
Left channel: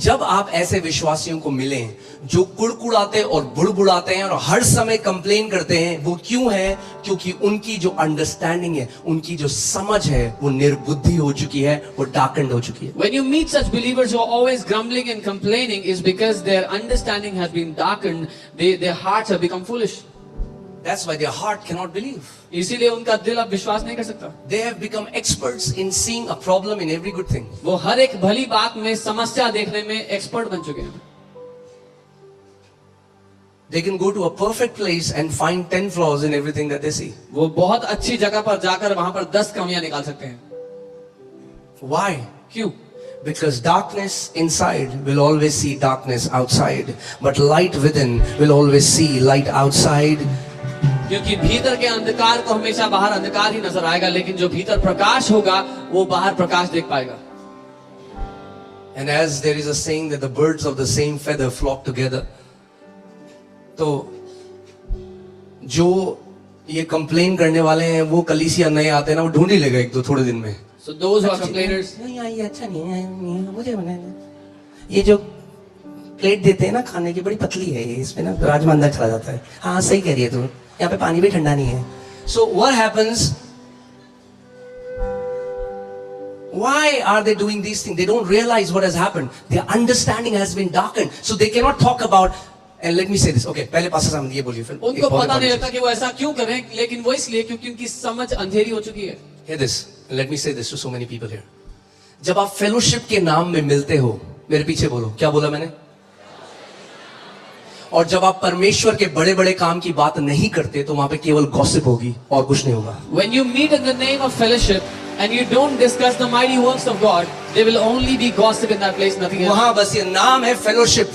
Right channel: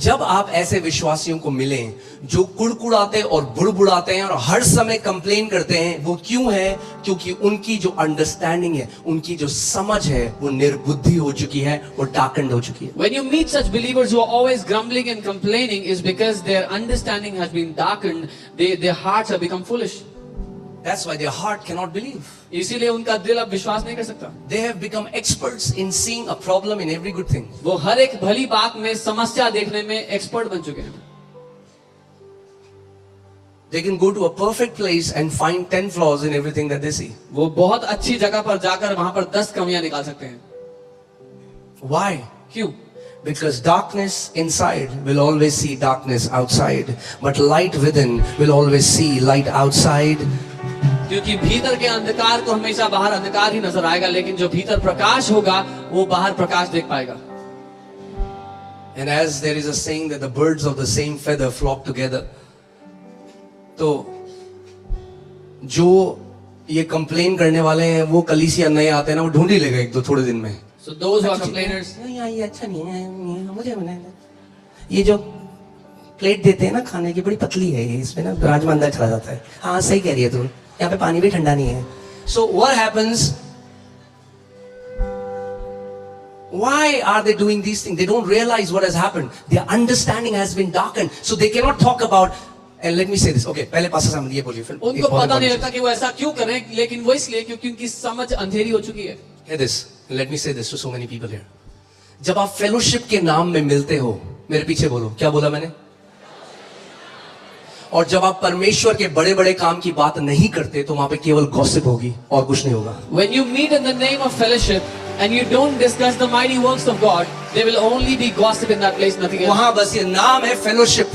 जब आप ऐसे विश्वासियों को मिलें जो कुड़कुड़ाते और बुड़बुड़ाते हैं और हर समय कंप्लेन करते हैं, वो क्यों है? क्योंकि उनकी जो अंडरस्टैंडिंग है, उनकी जो समझ है, वो निर्बुद्धि हो चुकी है, वो डार्कन्ड हो चुकी है। When you meet such believers who are always grumbling and complaining, is because their understanding has been darkened. Their hearts have become foolish. That's why their heart cannot believe. इसीलिए उनका दिल अब विश्वास नहीं कर सकता। They have become experts in seeing a problem in every good thing. वो हर एक भली बात में समस्या देखने में एक्सपर्ट बन चुके हैं। They can go to a perfect place and find 10 flaws in everything that they see. वो बहुत अच्छी जगह पर जाकर वहां पर 10 कमियां निकाल सकते हैं। Why? क्यों? Because darkness inside will always see darkness outside, but light within will always see light outside. क्योंकि भीतर के अंधकार को हमेशा बाहर अंधकार ही नजर आएगा, लेकिन जो भीतर प्रकाश होगा वो बाहर प्रकाश देख पाएगा। And as there is a saying that the birds of the same feather flock together, तो जो ये कंप्लेन करने वाले हैं वो कलीसिया नए आते हैं ना, वो ढूंढ ही लेगा एक दो थोड़े दिन में। So those who are complainers, ये अच्छा नहीं है, मुझे बनाना, ये जो प्लेट देते हैं ना खाने की बड़ी पतली है, इसमें ना राजमा अंदर चला जाता है। हाँ सही कह रही है तू, यहाँ पे पानी भी ठंडा नहीं है। So what happens? Why are they doing these things? They don't realize what has happened. Their understanding has been darkened, so they cannot talk about. And let me say this. Okay, पहले pastor साहब ये बोलिए फिर। उनको पता नहीं लगता कि वो ऐसा क्यों करें, लेकिन वो इसलिए क्योंकि उनकी समझ अंधेरी हो चुकी है। Hear this. Let me say this to so many people here. जब आप फेलोशिप के नाम में मिलते हो, मेरे पीछे बोलो, क्या बोला मैंने? और जब आप परमेश्वर के बड़े बड़े काम की बात नहीं करते तो वहां पे केवल गॉसिप होगी और कुछ नहीं होगा। When you meet in the name of fellowship and you don't discuss the mighty works of God, there will only be gossip in that place, nothing else. वहां बस ये नाम है फेलोशिप,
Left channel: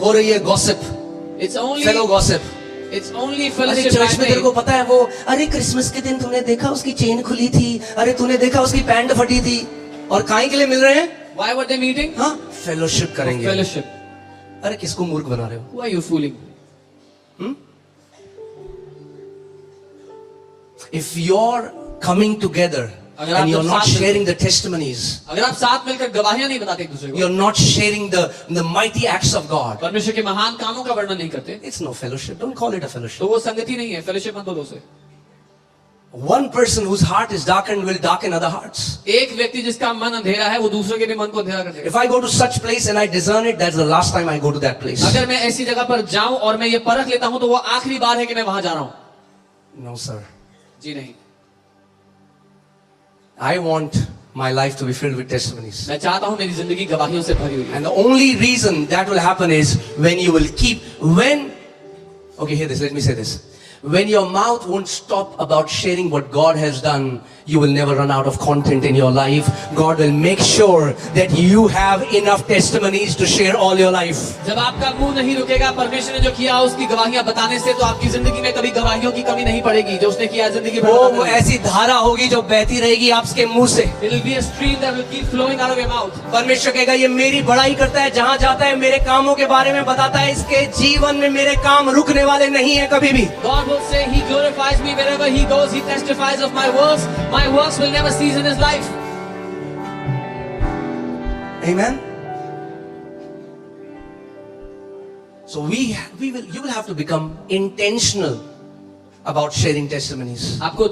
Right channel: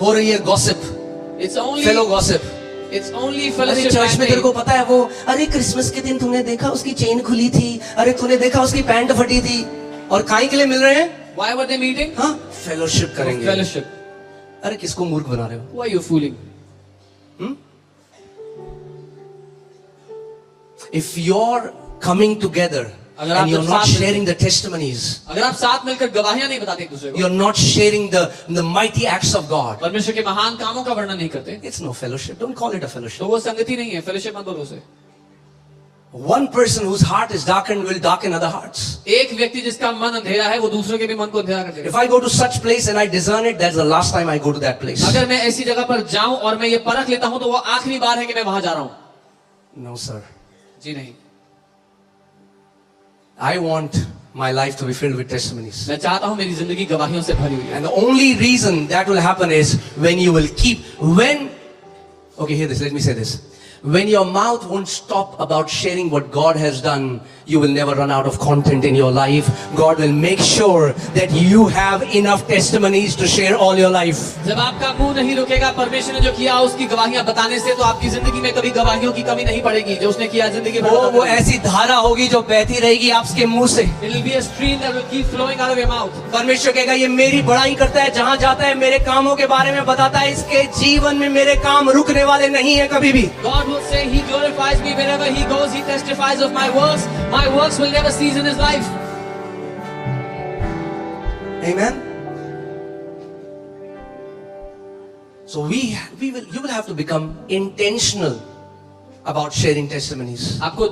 हो रही है gossip, It's only fellow gossip. It's only अरे fellowship. Church में तेरे को पता है वो, अरे क्रिसमस के दिन तूने देखा उसकी चेन खुली थी, अरे तूने देखा उसकी पैंट फटी थी, और काहे के लिए मिल रहे हैं? Why were they meeting? हाँ, फेलोशिप करेंगे। Fellowship. अरे किसको मूर्ख बना रहे हो? Who are you fooling? If you're coming together अगर आप and you're जब not साथ में- sharing the testimonies, अगर आप साथ मिलकर गवाहियां नहीं बताते एक दूसरे को, you're not sharing the mighty acts of God, परमेश्वर के महान कामों का वर्णन नहीं करते, it's no fellowship. Don't call it a fellowship. तो वो संगति नहीं है। फेलोशिप मत बोलो उसे। One person whose heart is darkened will darken other hearts. एक व्यक्ति जिसका मन अंधेरा है वो दूसरे के भी मन को अंधेरा कर देगा। If I go to such place and I discern it, that's the last time I go to that place. अगर मैं ऐसी जगह पर जाऊं और मैं ये परख लेता हूं तो वो आखिरी बार है कि मैं वहां जा रहा हूं। No, sir. जी नहीं, I want my life to be filled with testimonies. मैं चाहता हूं मेरी जिंदगी गवाहियों से भरी हुई है। And the only reason that will happen is when you will keep, okay, hear this, let me say this. When your mouth won't stop about sharing what God has done, you will never run out of content in your life. God will make sure that you have enough testimonies to share all your life. जब आपका मुंह नहीं रुकेगा परमेश्वर ने जो किया उसकी गवाहियां बताने से, तो आपकी जिंदगी में कभी गवाहियों की कमी नहीं पड़ेगी। जो उसने किया जिंदगी भर वो ऐसी धारा होगी जो बहती रहेगी आपके मुंह से। It will be a stream that will keep flowing out of your mouth. परमेश्वर कहेगा ये मेरी बड़ाई करता है, जहां जाता है मेरे कामों के बारे में बताता है, इसके जीवन में मेरे काम रुकने वाले नहीं है कभी भी। God will say He glorifies me wherever He goes. He testifies of my works. My works will never cease in His life. Amen. So you will have to become intentional about sharing testimonies. आपको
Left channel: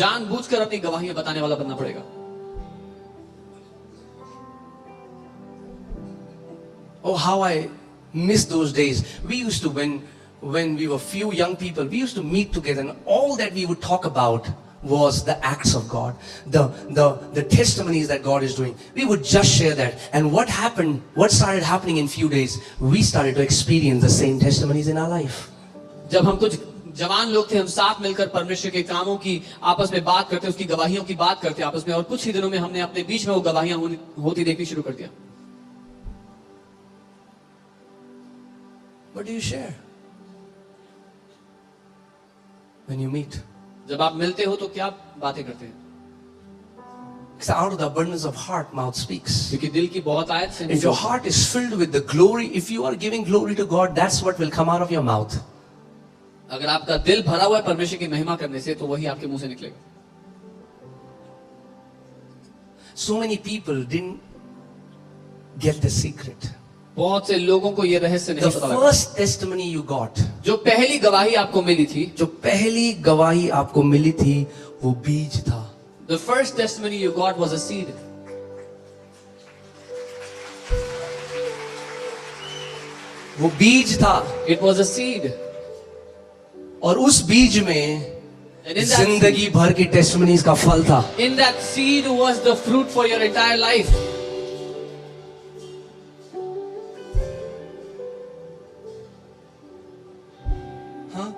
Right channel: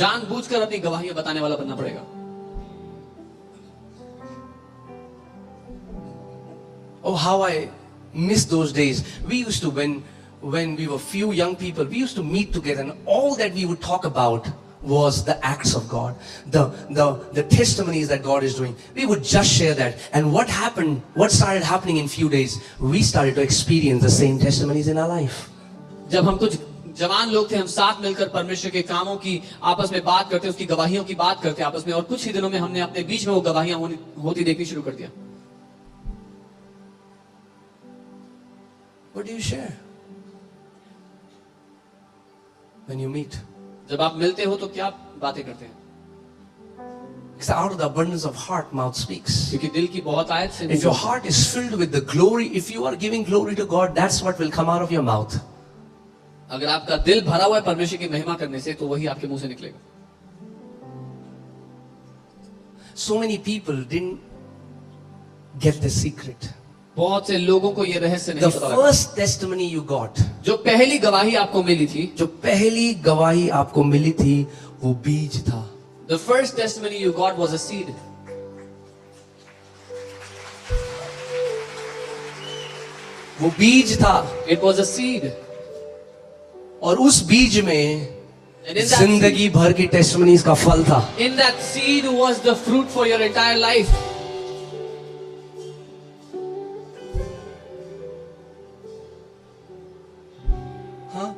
जानबूझकर अपनी गवाहियां बताने वाला बनना पड़ेगा। Oh, how I miss those days. We used to, when we were few young people, we used to meet together and all that we would talk about was the acts of God, the testimonies that God is doing. We would just share that. And what happened, what started happening in few days, we started to experience the same testimonies in our life. जब हम कुछ जवान लोग थे, हम साथ मिलकर परमेश्वर के कामों की आपस में बात करते, उसकी गवाहियों की बात करते आपस में, और कुछ ही दिनों में हमने अपने बीच में वो गवाहियां होती देखनी शुरू कर दिया. What do you share when you meet? जब आप मिलते हो तो क्या बातें करते हैं? Because out of the abundance of heart, mouth speaks. क्योंकि दिल की बहुत आयत से If your heart is filled with the glory, if you are giving glory to God, that's what will come out of your mouth. अगर आपका दिल भरा हुआ है परमेश्वर की महिमा करने से, तो वही आपके मुंह से निकलेगा. So many people didn't get the secret. बहुत से लोगों को ये रहस्य नहीं The पता लगा. first testimony you got, जो पहली गवाही आपको मिली थी, जो पहली गवाही आपको मिली थी, वो बीज था. the first testimony you got was a seed. वो बीज था. It was a seed. और उस बीज में And in that जिंदगी भर की टेस्टिमनीज का फल था. In that seed was the fruit for your entire life. हाँ?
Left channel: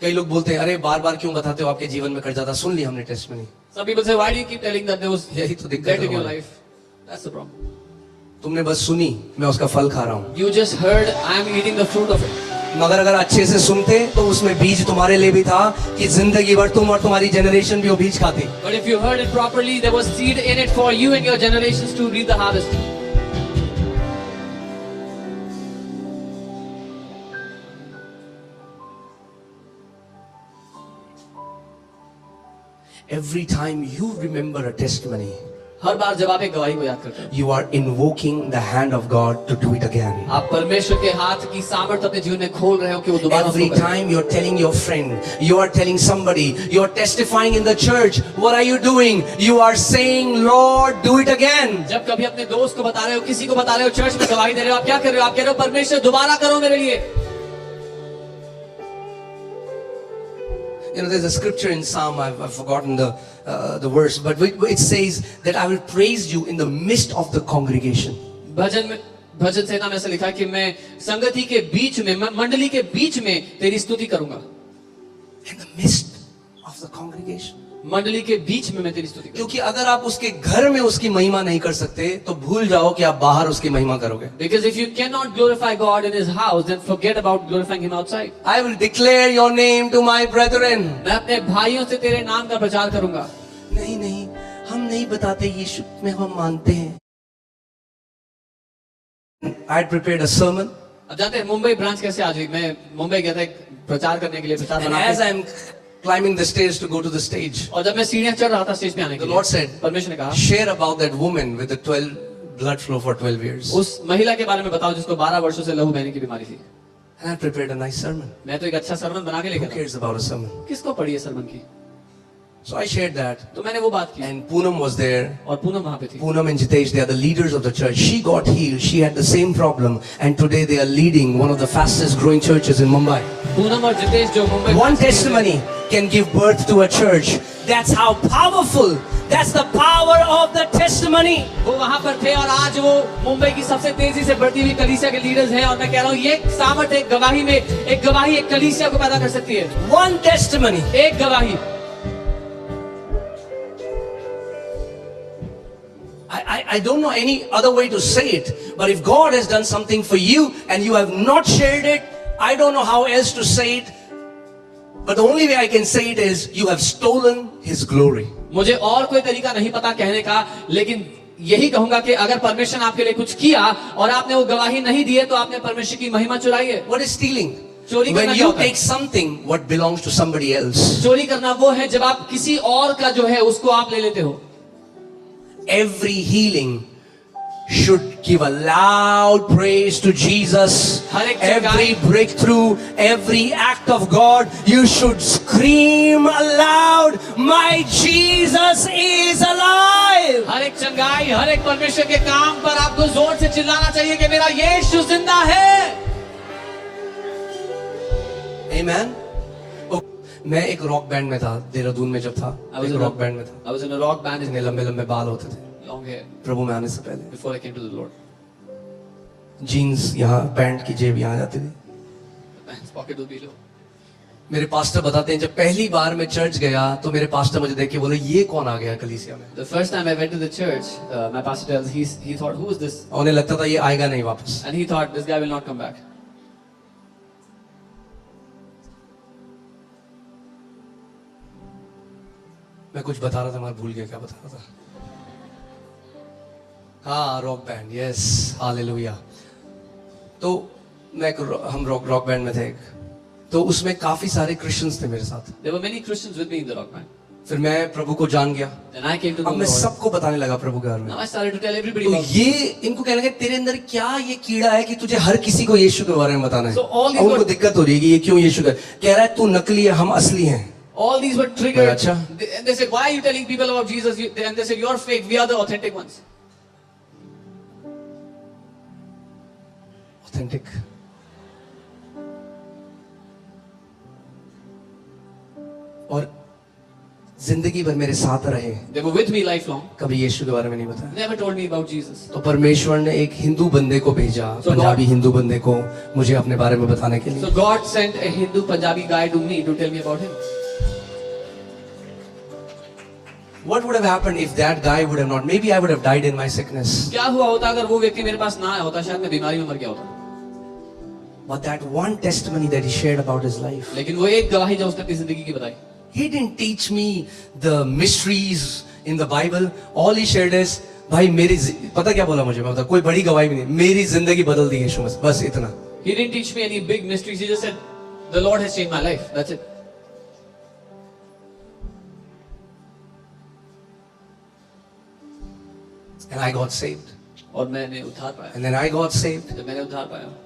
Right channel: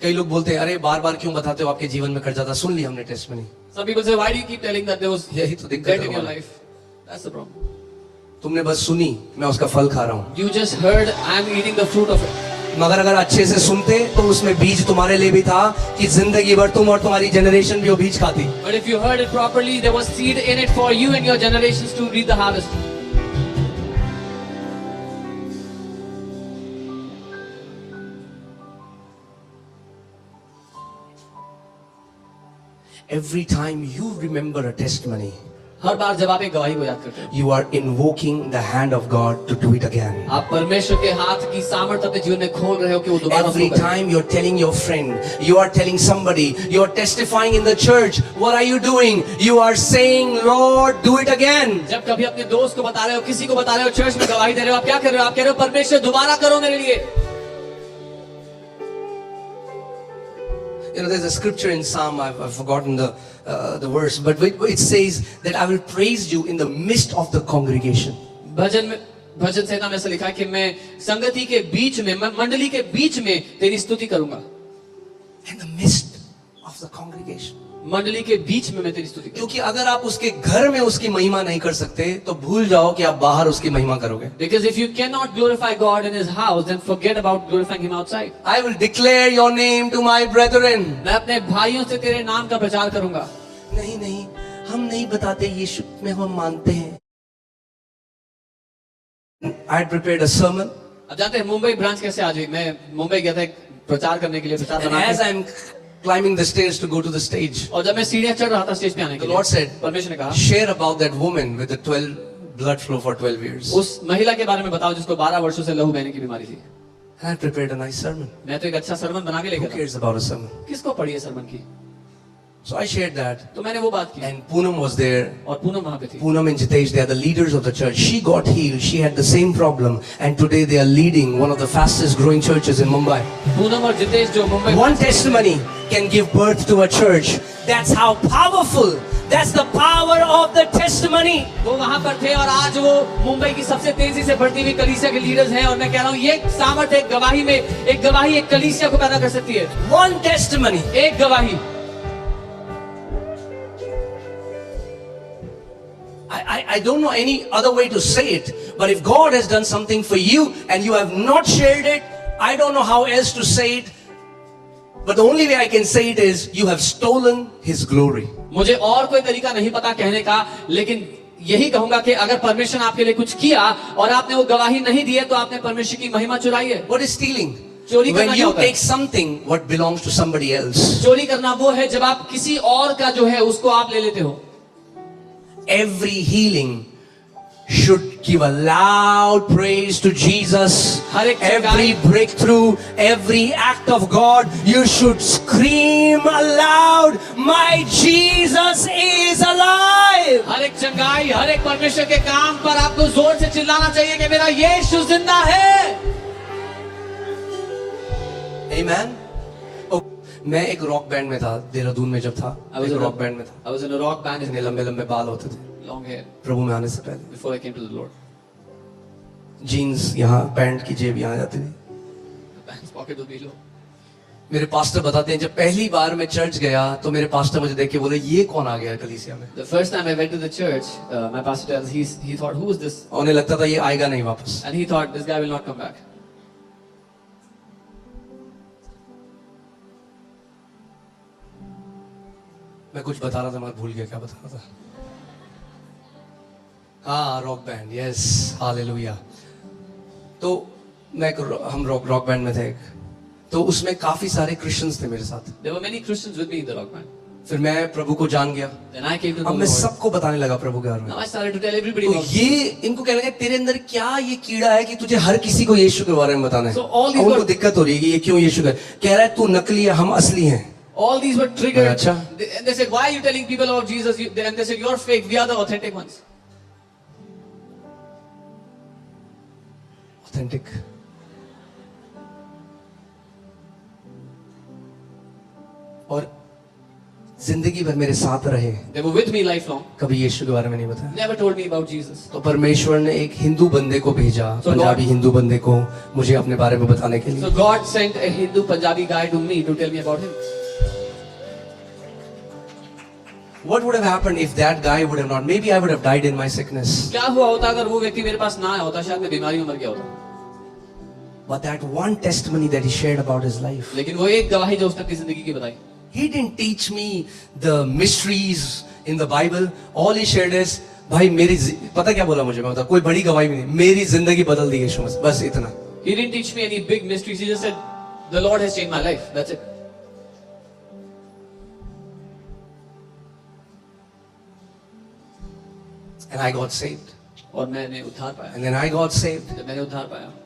कई लोग बोलते हैं, अरे बार बार क्यों बताते हो, आपके जीवन में कर जाता. सुन ली हमने testimony. Some people say, why do you keep telling that there was यही तो दिक्कत death है in your हमारी. life? That's the problem. तुमने बस सुनी, मैं उसका फल खा रहा हूँ. You just heard, I'm eating the fruit of it. मगर अगर अच्छे से सुनते तो उसमें बीज तुम्हारे लिए भी था कि जिंदगी भर तुम और तुम्हारी जनरेशन भी वो बीज खाती. But if you heard it properly, there was seed in it for you and your generations to reap the harvest. Every time you remember a testimony, हर बार जब आप एक गवाही को याद करते हो, you are invoking the hand of God to do it again. आप परमेश्वर के हाथ की सामर्थ्य अपने जीवन में खोल रहे हो कि वो दोबारा Every उसको करे. time you're telling your friend, you are telling somebody, you're testifying in the church, what are you doing? You are saying, Lord, do it again. जब कभी अपने दोस्त को बता रहे हो, किसी को बता रहे हो, चर्च में गवाही दे रहे हो, आप क्या कर रहे हो? आप कह रहे हो, परमेश्वर दोबारा करो मेरे लिए. You know, there's a scripture in Psalm, I've forgotten the verse, but it says that I will praise you in the midst of the congregation. भजन संहिता में ऐसा लिखा है कि मैं संगति के बीच में, मैं मंडली के बीच में तेरी स्तुति करूंगा. In the midst of the congregation. मंडली के बीच में मैं तेरी स्तुति करूंगा. क्योंकि अगर आप उसके घर में उसकी महिमा नहीं कर सकते तो भूल जाओ कि आप बाहर उसकी महिमा करोगे. Because if you cannot glorify God in His house, then forget about glorifying Him outside. I will declare your name to my brethren. मैं अपने भाइयों से तेरे नाम का प्रचार करूंगा. नहीं नहीं, हम नहीं बताते यीशु में हम मानते हैं. I had prepared a sermon. अब जानते हैं मुंबई ब्रांच कैसे आ गई? मैं मुंबई गया था एक प्रचार करने के लिए, प्रचार And बना as के. I'm climbing the stairs to go to the stage, और जब मैं सीढ़ियां चढ़ रहा था स्टेज पे आने के the लिए, Lord said, परमेश्वर ने कहा, share about that woman with the 12 blood flow for 12 years. उस महिला के बारे में बताओ जिसको 12 वर्षों से लहू बहने की बीमारी थी. And I prepared a nice sermon. मैं तो एक अच्छा सरमन बना के Who लेकर था. cares about a sermon? किसको पड़ी है सरमन की? So I shared that. तो मैंने वो बात की. And Poonam was there. और पूनम वहां पे थी. Poonam and Jitesh, they are the leaders of the church. She got healed. She had the same problem. And today they are leading one of the fastest growing churches in Mumbai. Poonam और जितेश जो Mumbai One testimony can give birth to a church. That's how powerful. That's the power of the testimony. वो वहां पर थे और आज वो मुंबई की सबसे तेजी से बढ़ती हुई कलीसिया के लीडर्स हैं. और मैं कह रहा हूँ ये सामर्थ्य एक गवाही में, एक गवाही एक कलीसिया को पैदा कर सकती है. One testimony. एक गवाही. I don't know any other way to say it, but if God has done something for you and you have not shared it, I don't know how else to say it, but the only way I can say it is you have stolen His glory. मुझे और कोई तरीका नहीं पता कहने का, लेकिन यही कहूंगा कि अगर परमेश्वर ने आपके लिए कुछ किया और आपने वो गवाही नहीं दी है, तो आपने परमेश्वर की महिमा चुराई है. What is stealing? चोरी करना When क्या you होता है? take something what belongs to somebody else. चोरी करना वो है जब आप किसी और का जो है उसको आप ले लेते हो. Every healing should give a loud praise to Jesus. Every breakthrough, every act of God, you should scream aloud, my Jesus is alive. हर एक चंगाई, हर एक परमेश्वर के काम पर आपको जोर से चिल्लाना चाहिए कि मेरा यीशु जिंदा है. Amen. Oh, मैं एक रॉक बैंड में था देहरादून में जब था, I was एक in रॉक a- बैंड में था, I was in a rock band इतने in लंबे लंबे बाल होते थे long hair प्रभु में आने से पहले, before I came to the Lord. Jeans यहाँ, पैंट की जेब यहाँ जाती थी। The pants pocket will be low. मेरे पास्टर बताते हैं जब पहली बार मैं चर्च गया तो मेरे पास्टर मुझे देख के बोले ये कौन आ गया कलीसिया में। The first time I went to the church, my pastor tells he thought, who is this? और उन्हें लगता था ये आएगा नहीं वापस। And he thought this guy will not come back. मैं कुछ बता रहा था, मैं भूल गया क्या बता रहा था। हाँ, रॉक बैंड, यस, हालेलुया। तो हम रॉक बैंड में थे एक, तो उसमें काफी सारे क्रिश्चियंस थे मेरे साथ। There were many Christians with me in the rock band. फिर मैं प्रभु को जान गया, Then I came to the अब मैं Lord. सबको बताने लगा प्रभु के बारे में। Now I started to tell everybody तो about ये इनको कहने लगे तेरे अंदर क्या ये कीड़ा है कि तुझे हर किसी को यीशु के बारे में बताना है। So all these अब उनको were- दिक्कत हो रही है कि ये क्यों यीशु के, कह रहा है तू नकली है हम असली हैं। all these were triggered. Acha. They said, why are you telling people about Jesus? And they said, you're fake. We are the authentic ones. Authentic. और जिंदगी भर मेरे साथ रहे, They were with me lifelong. कभी यीशु के बारे में नहीं बताया। Never told me about Jesus. तो परमेश्वर ने एक हिंदू बंदे को भेजा, So पंजाबी God- हिंदू बंदे को मुझे अपने बारे में बताने के लिए। So God sent a Hindu Punjabi guy to me to tell me about him. What would have happened if that guy would have not? Maybe I would have died in my sickness. क्या हुआ होता अगर वो व्यक्ति मेरे पास ना आया होता, शायद मैं बीमारी में मर गया होता। But that one testimony that he shared about his life, लेकिन वो एक गवाही जो उसने अपनी जिंदगी की बताई, he didn't teach me the mysteries in the Bible. All he shared is, भाई मेरी पता क्या बोला मुझे, मैं बता, कोई बड़ी गवाही भी नहीं, मेरी जिंदगी बदल दी यीशु मसीह, बस इतना। he didn't teach me any big mysteries. He just said, the Lord has changed my life. That's it. And I got saved. और मैंने उद्धार पाया। And then I got saved. जब मैंने उद्धार पाया,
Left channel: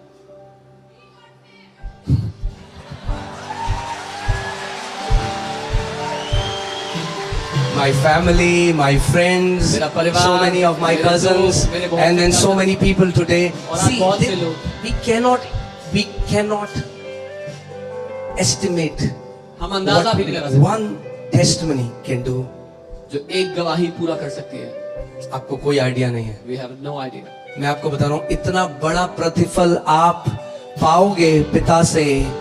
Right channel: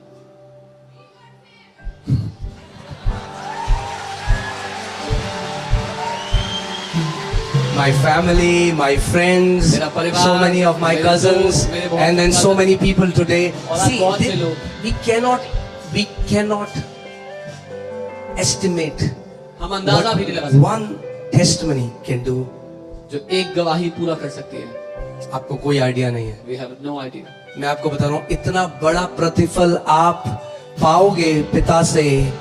My family, my friends, मेरा परिवार, so many of my मेरे cousins, दोस्त, मेरे बहुत and then सारे so many people today. और See, बहुत से they- लोग। we cannot estimate हम अंदाजा भी नहीं लगा what सकते one testimony can do. जो एक गवाही पूरा कर सकती है। आपको कोई आइडिया नहीं है। We have no idea. मैं आपको बता रहा हूँ, इतना बड़ा प्रतिफल आप पाओगे पिता से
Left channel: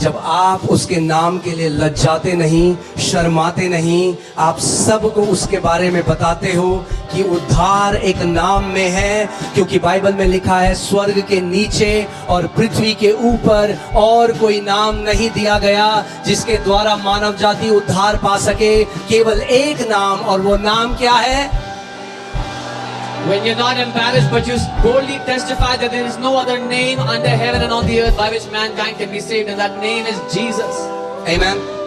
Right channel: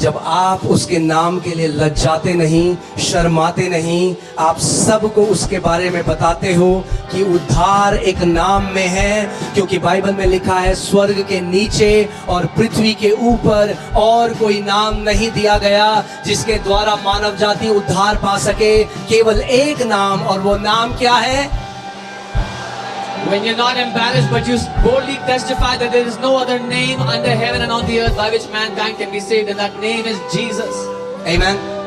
जब आप उसके नाम के लिए लज्जाते नहीं, शर्माते नहीं, आप सबको उसके बारे में बताते हो कि उद्धार एक नाम में है, क्योंकि बाइबल में लिखा है स्वर्ग के नीचे और पृथ्वी के ऊपर और कोई नाम नहीं दिया गया जिसके द्वारा मानव जाति उद्धार पा सके, केवल एक नाम, और वो नाम क्या है? When you're not embarrassed, but you boldly testify that there is no other name under heaven and on the earth by which mankind can be saved, and that name is Jesus. Amen.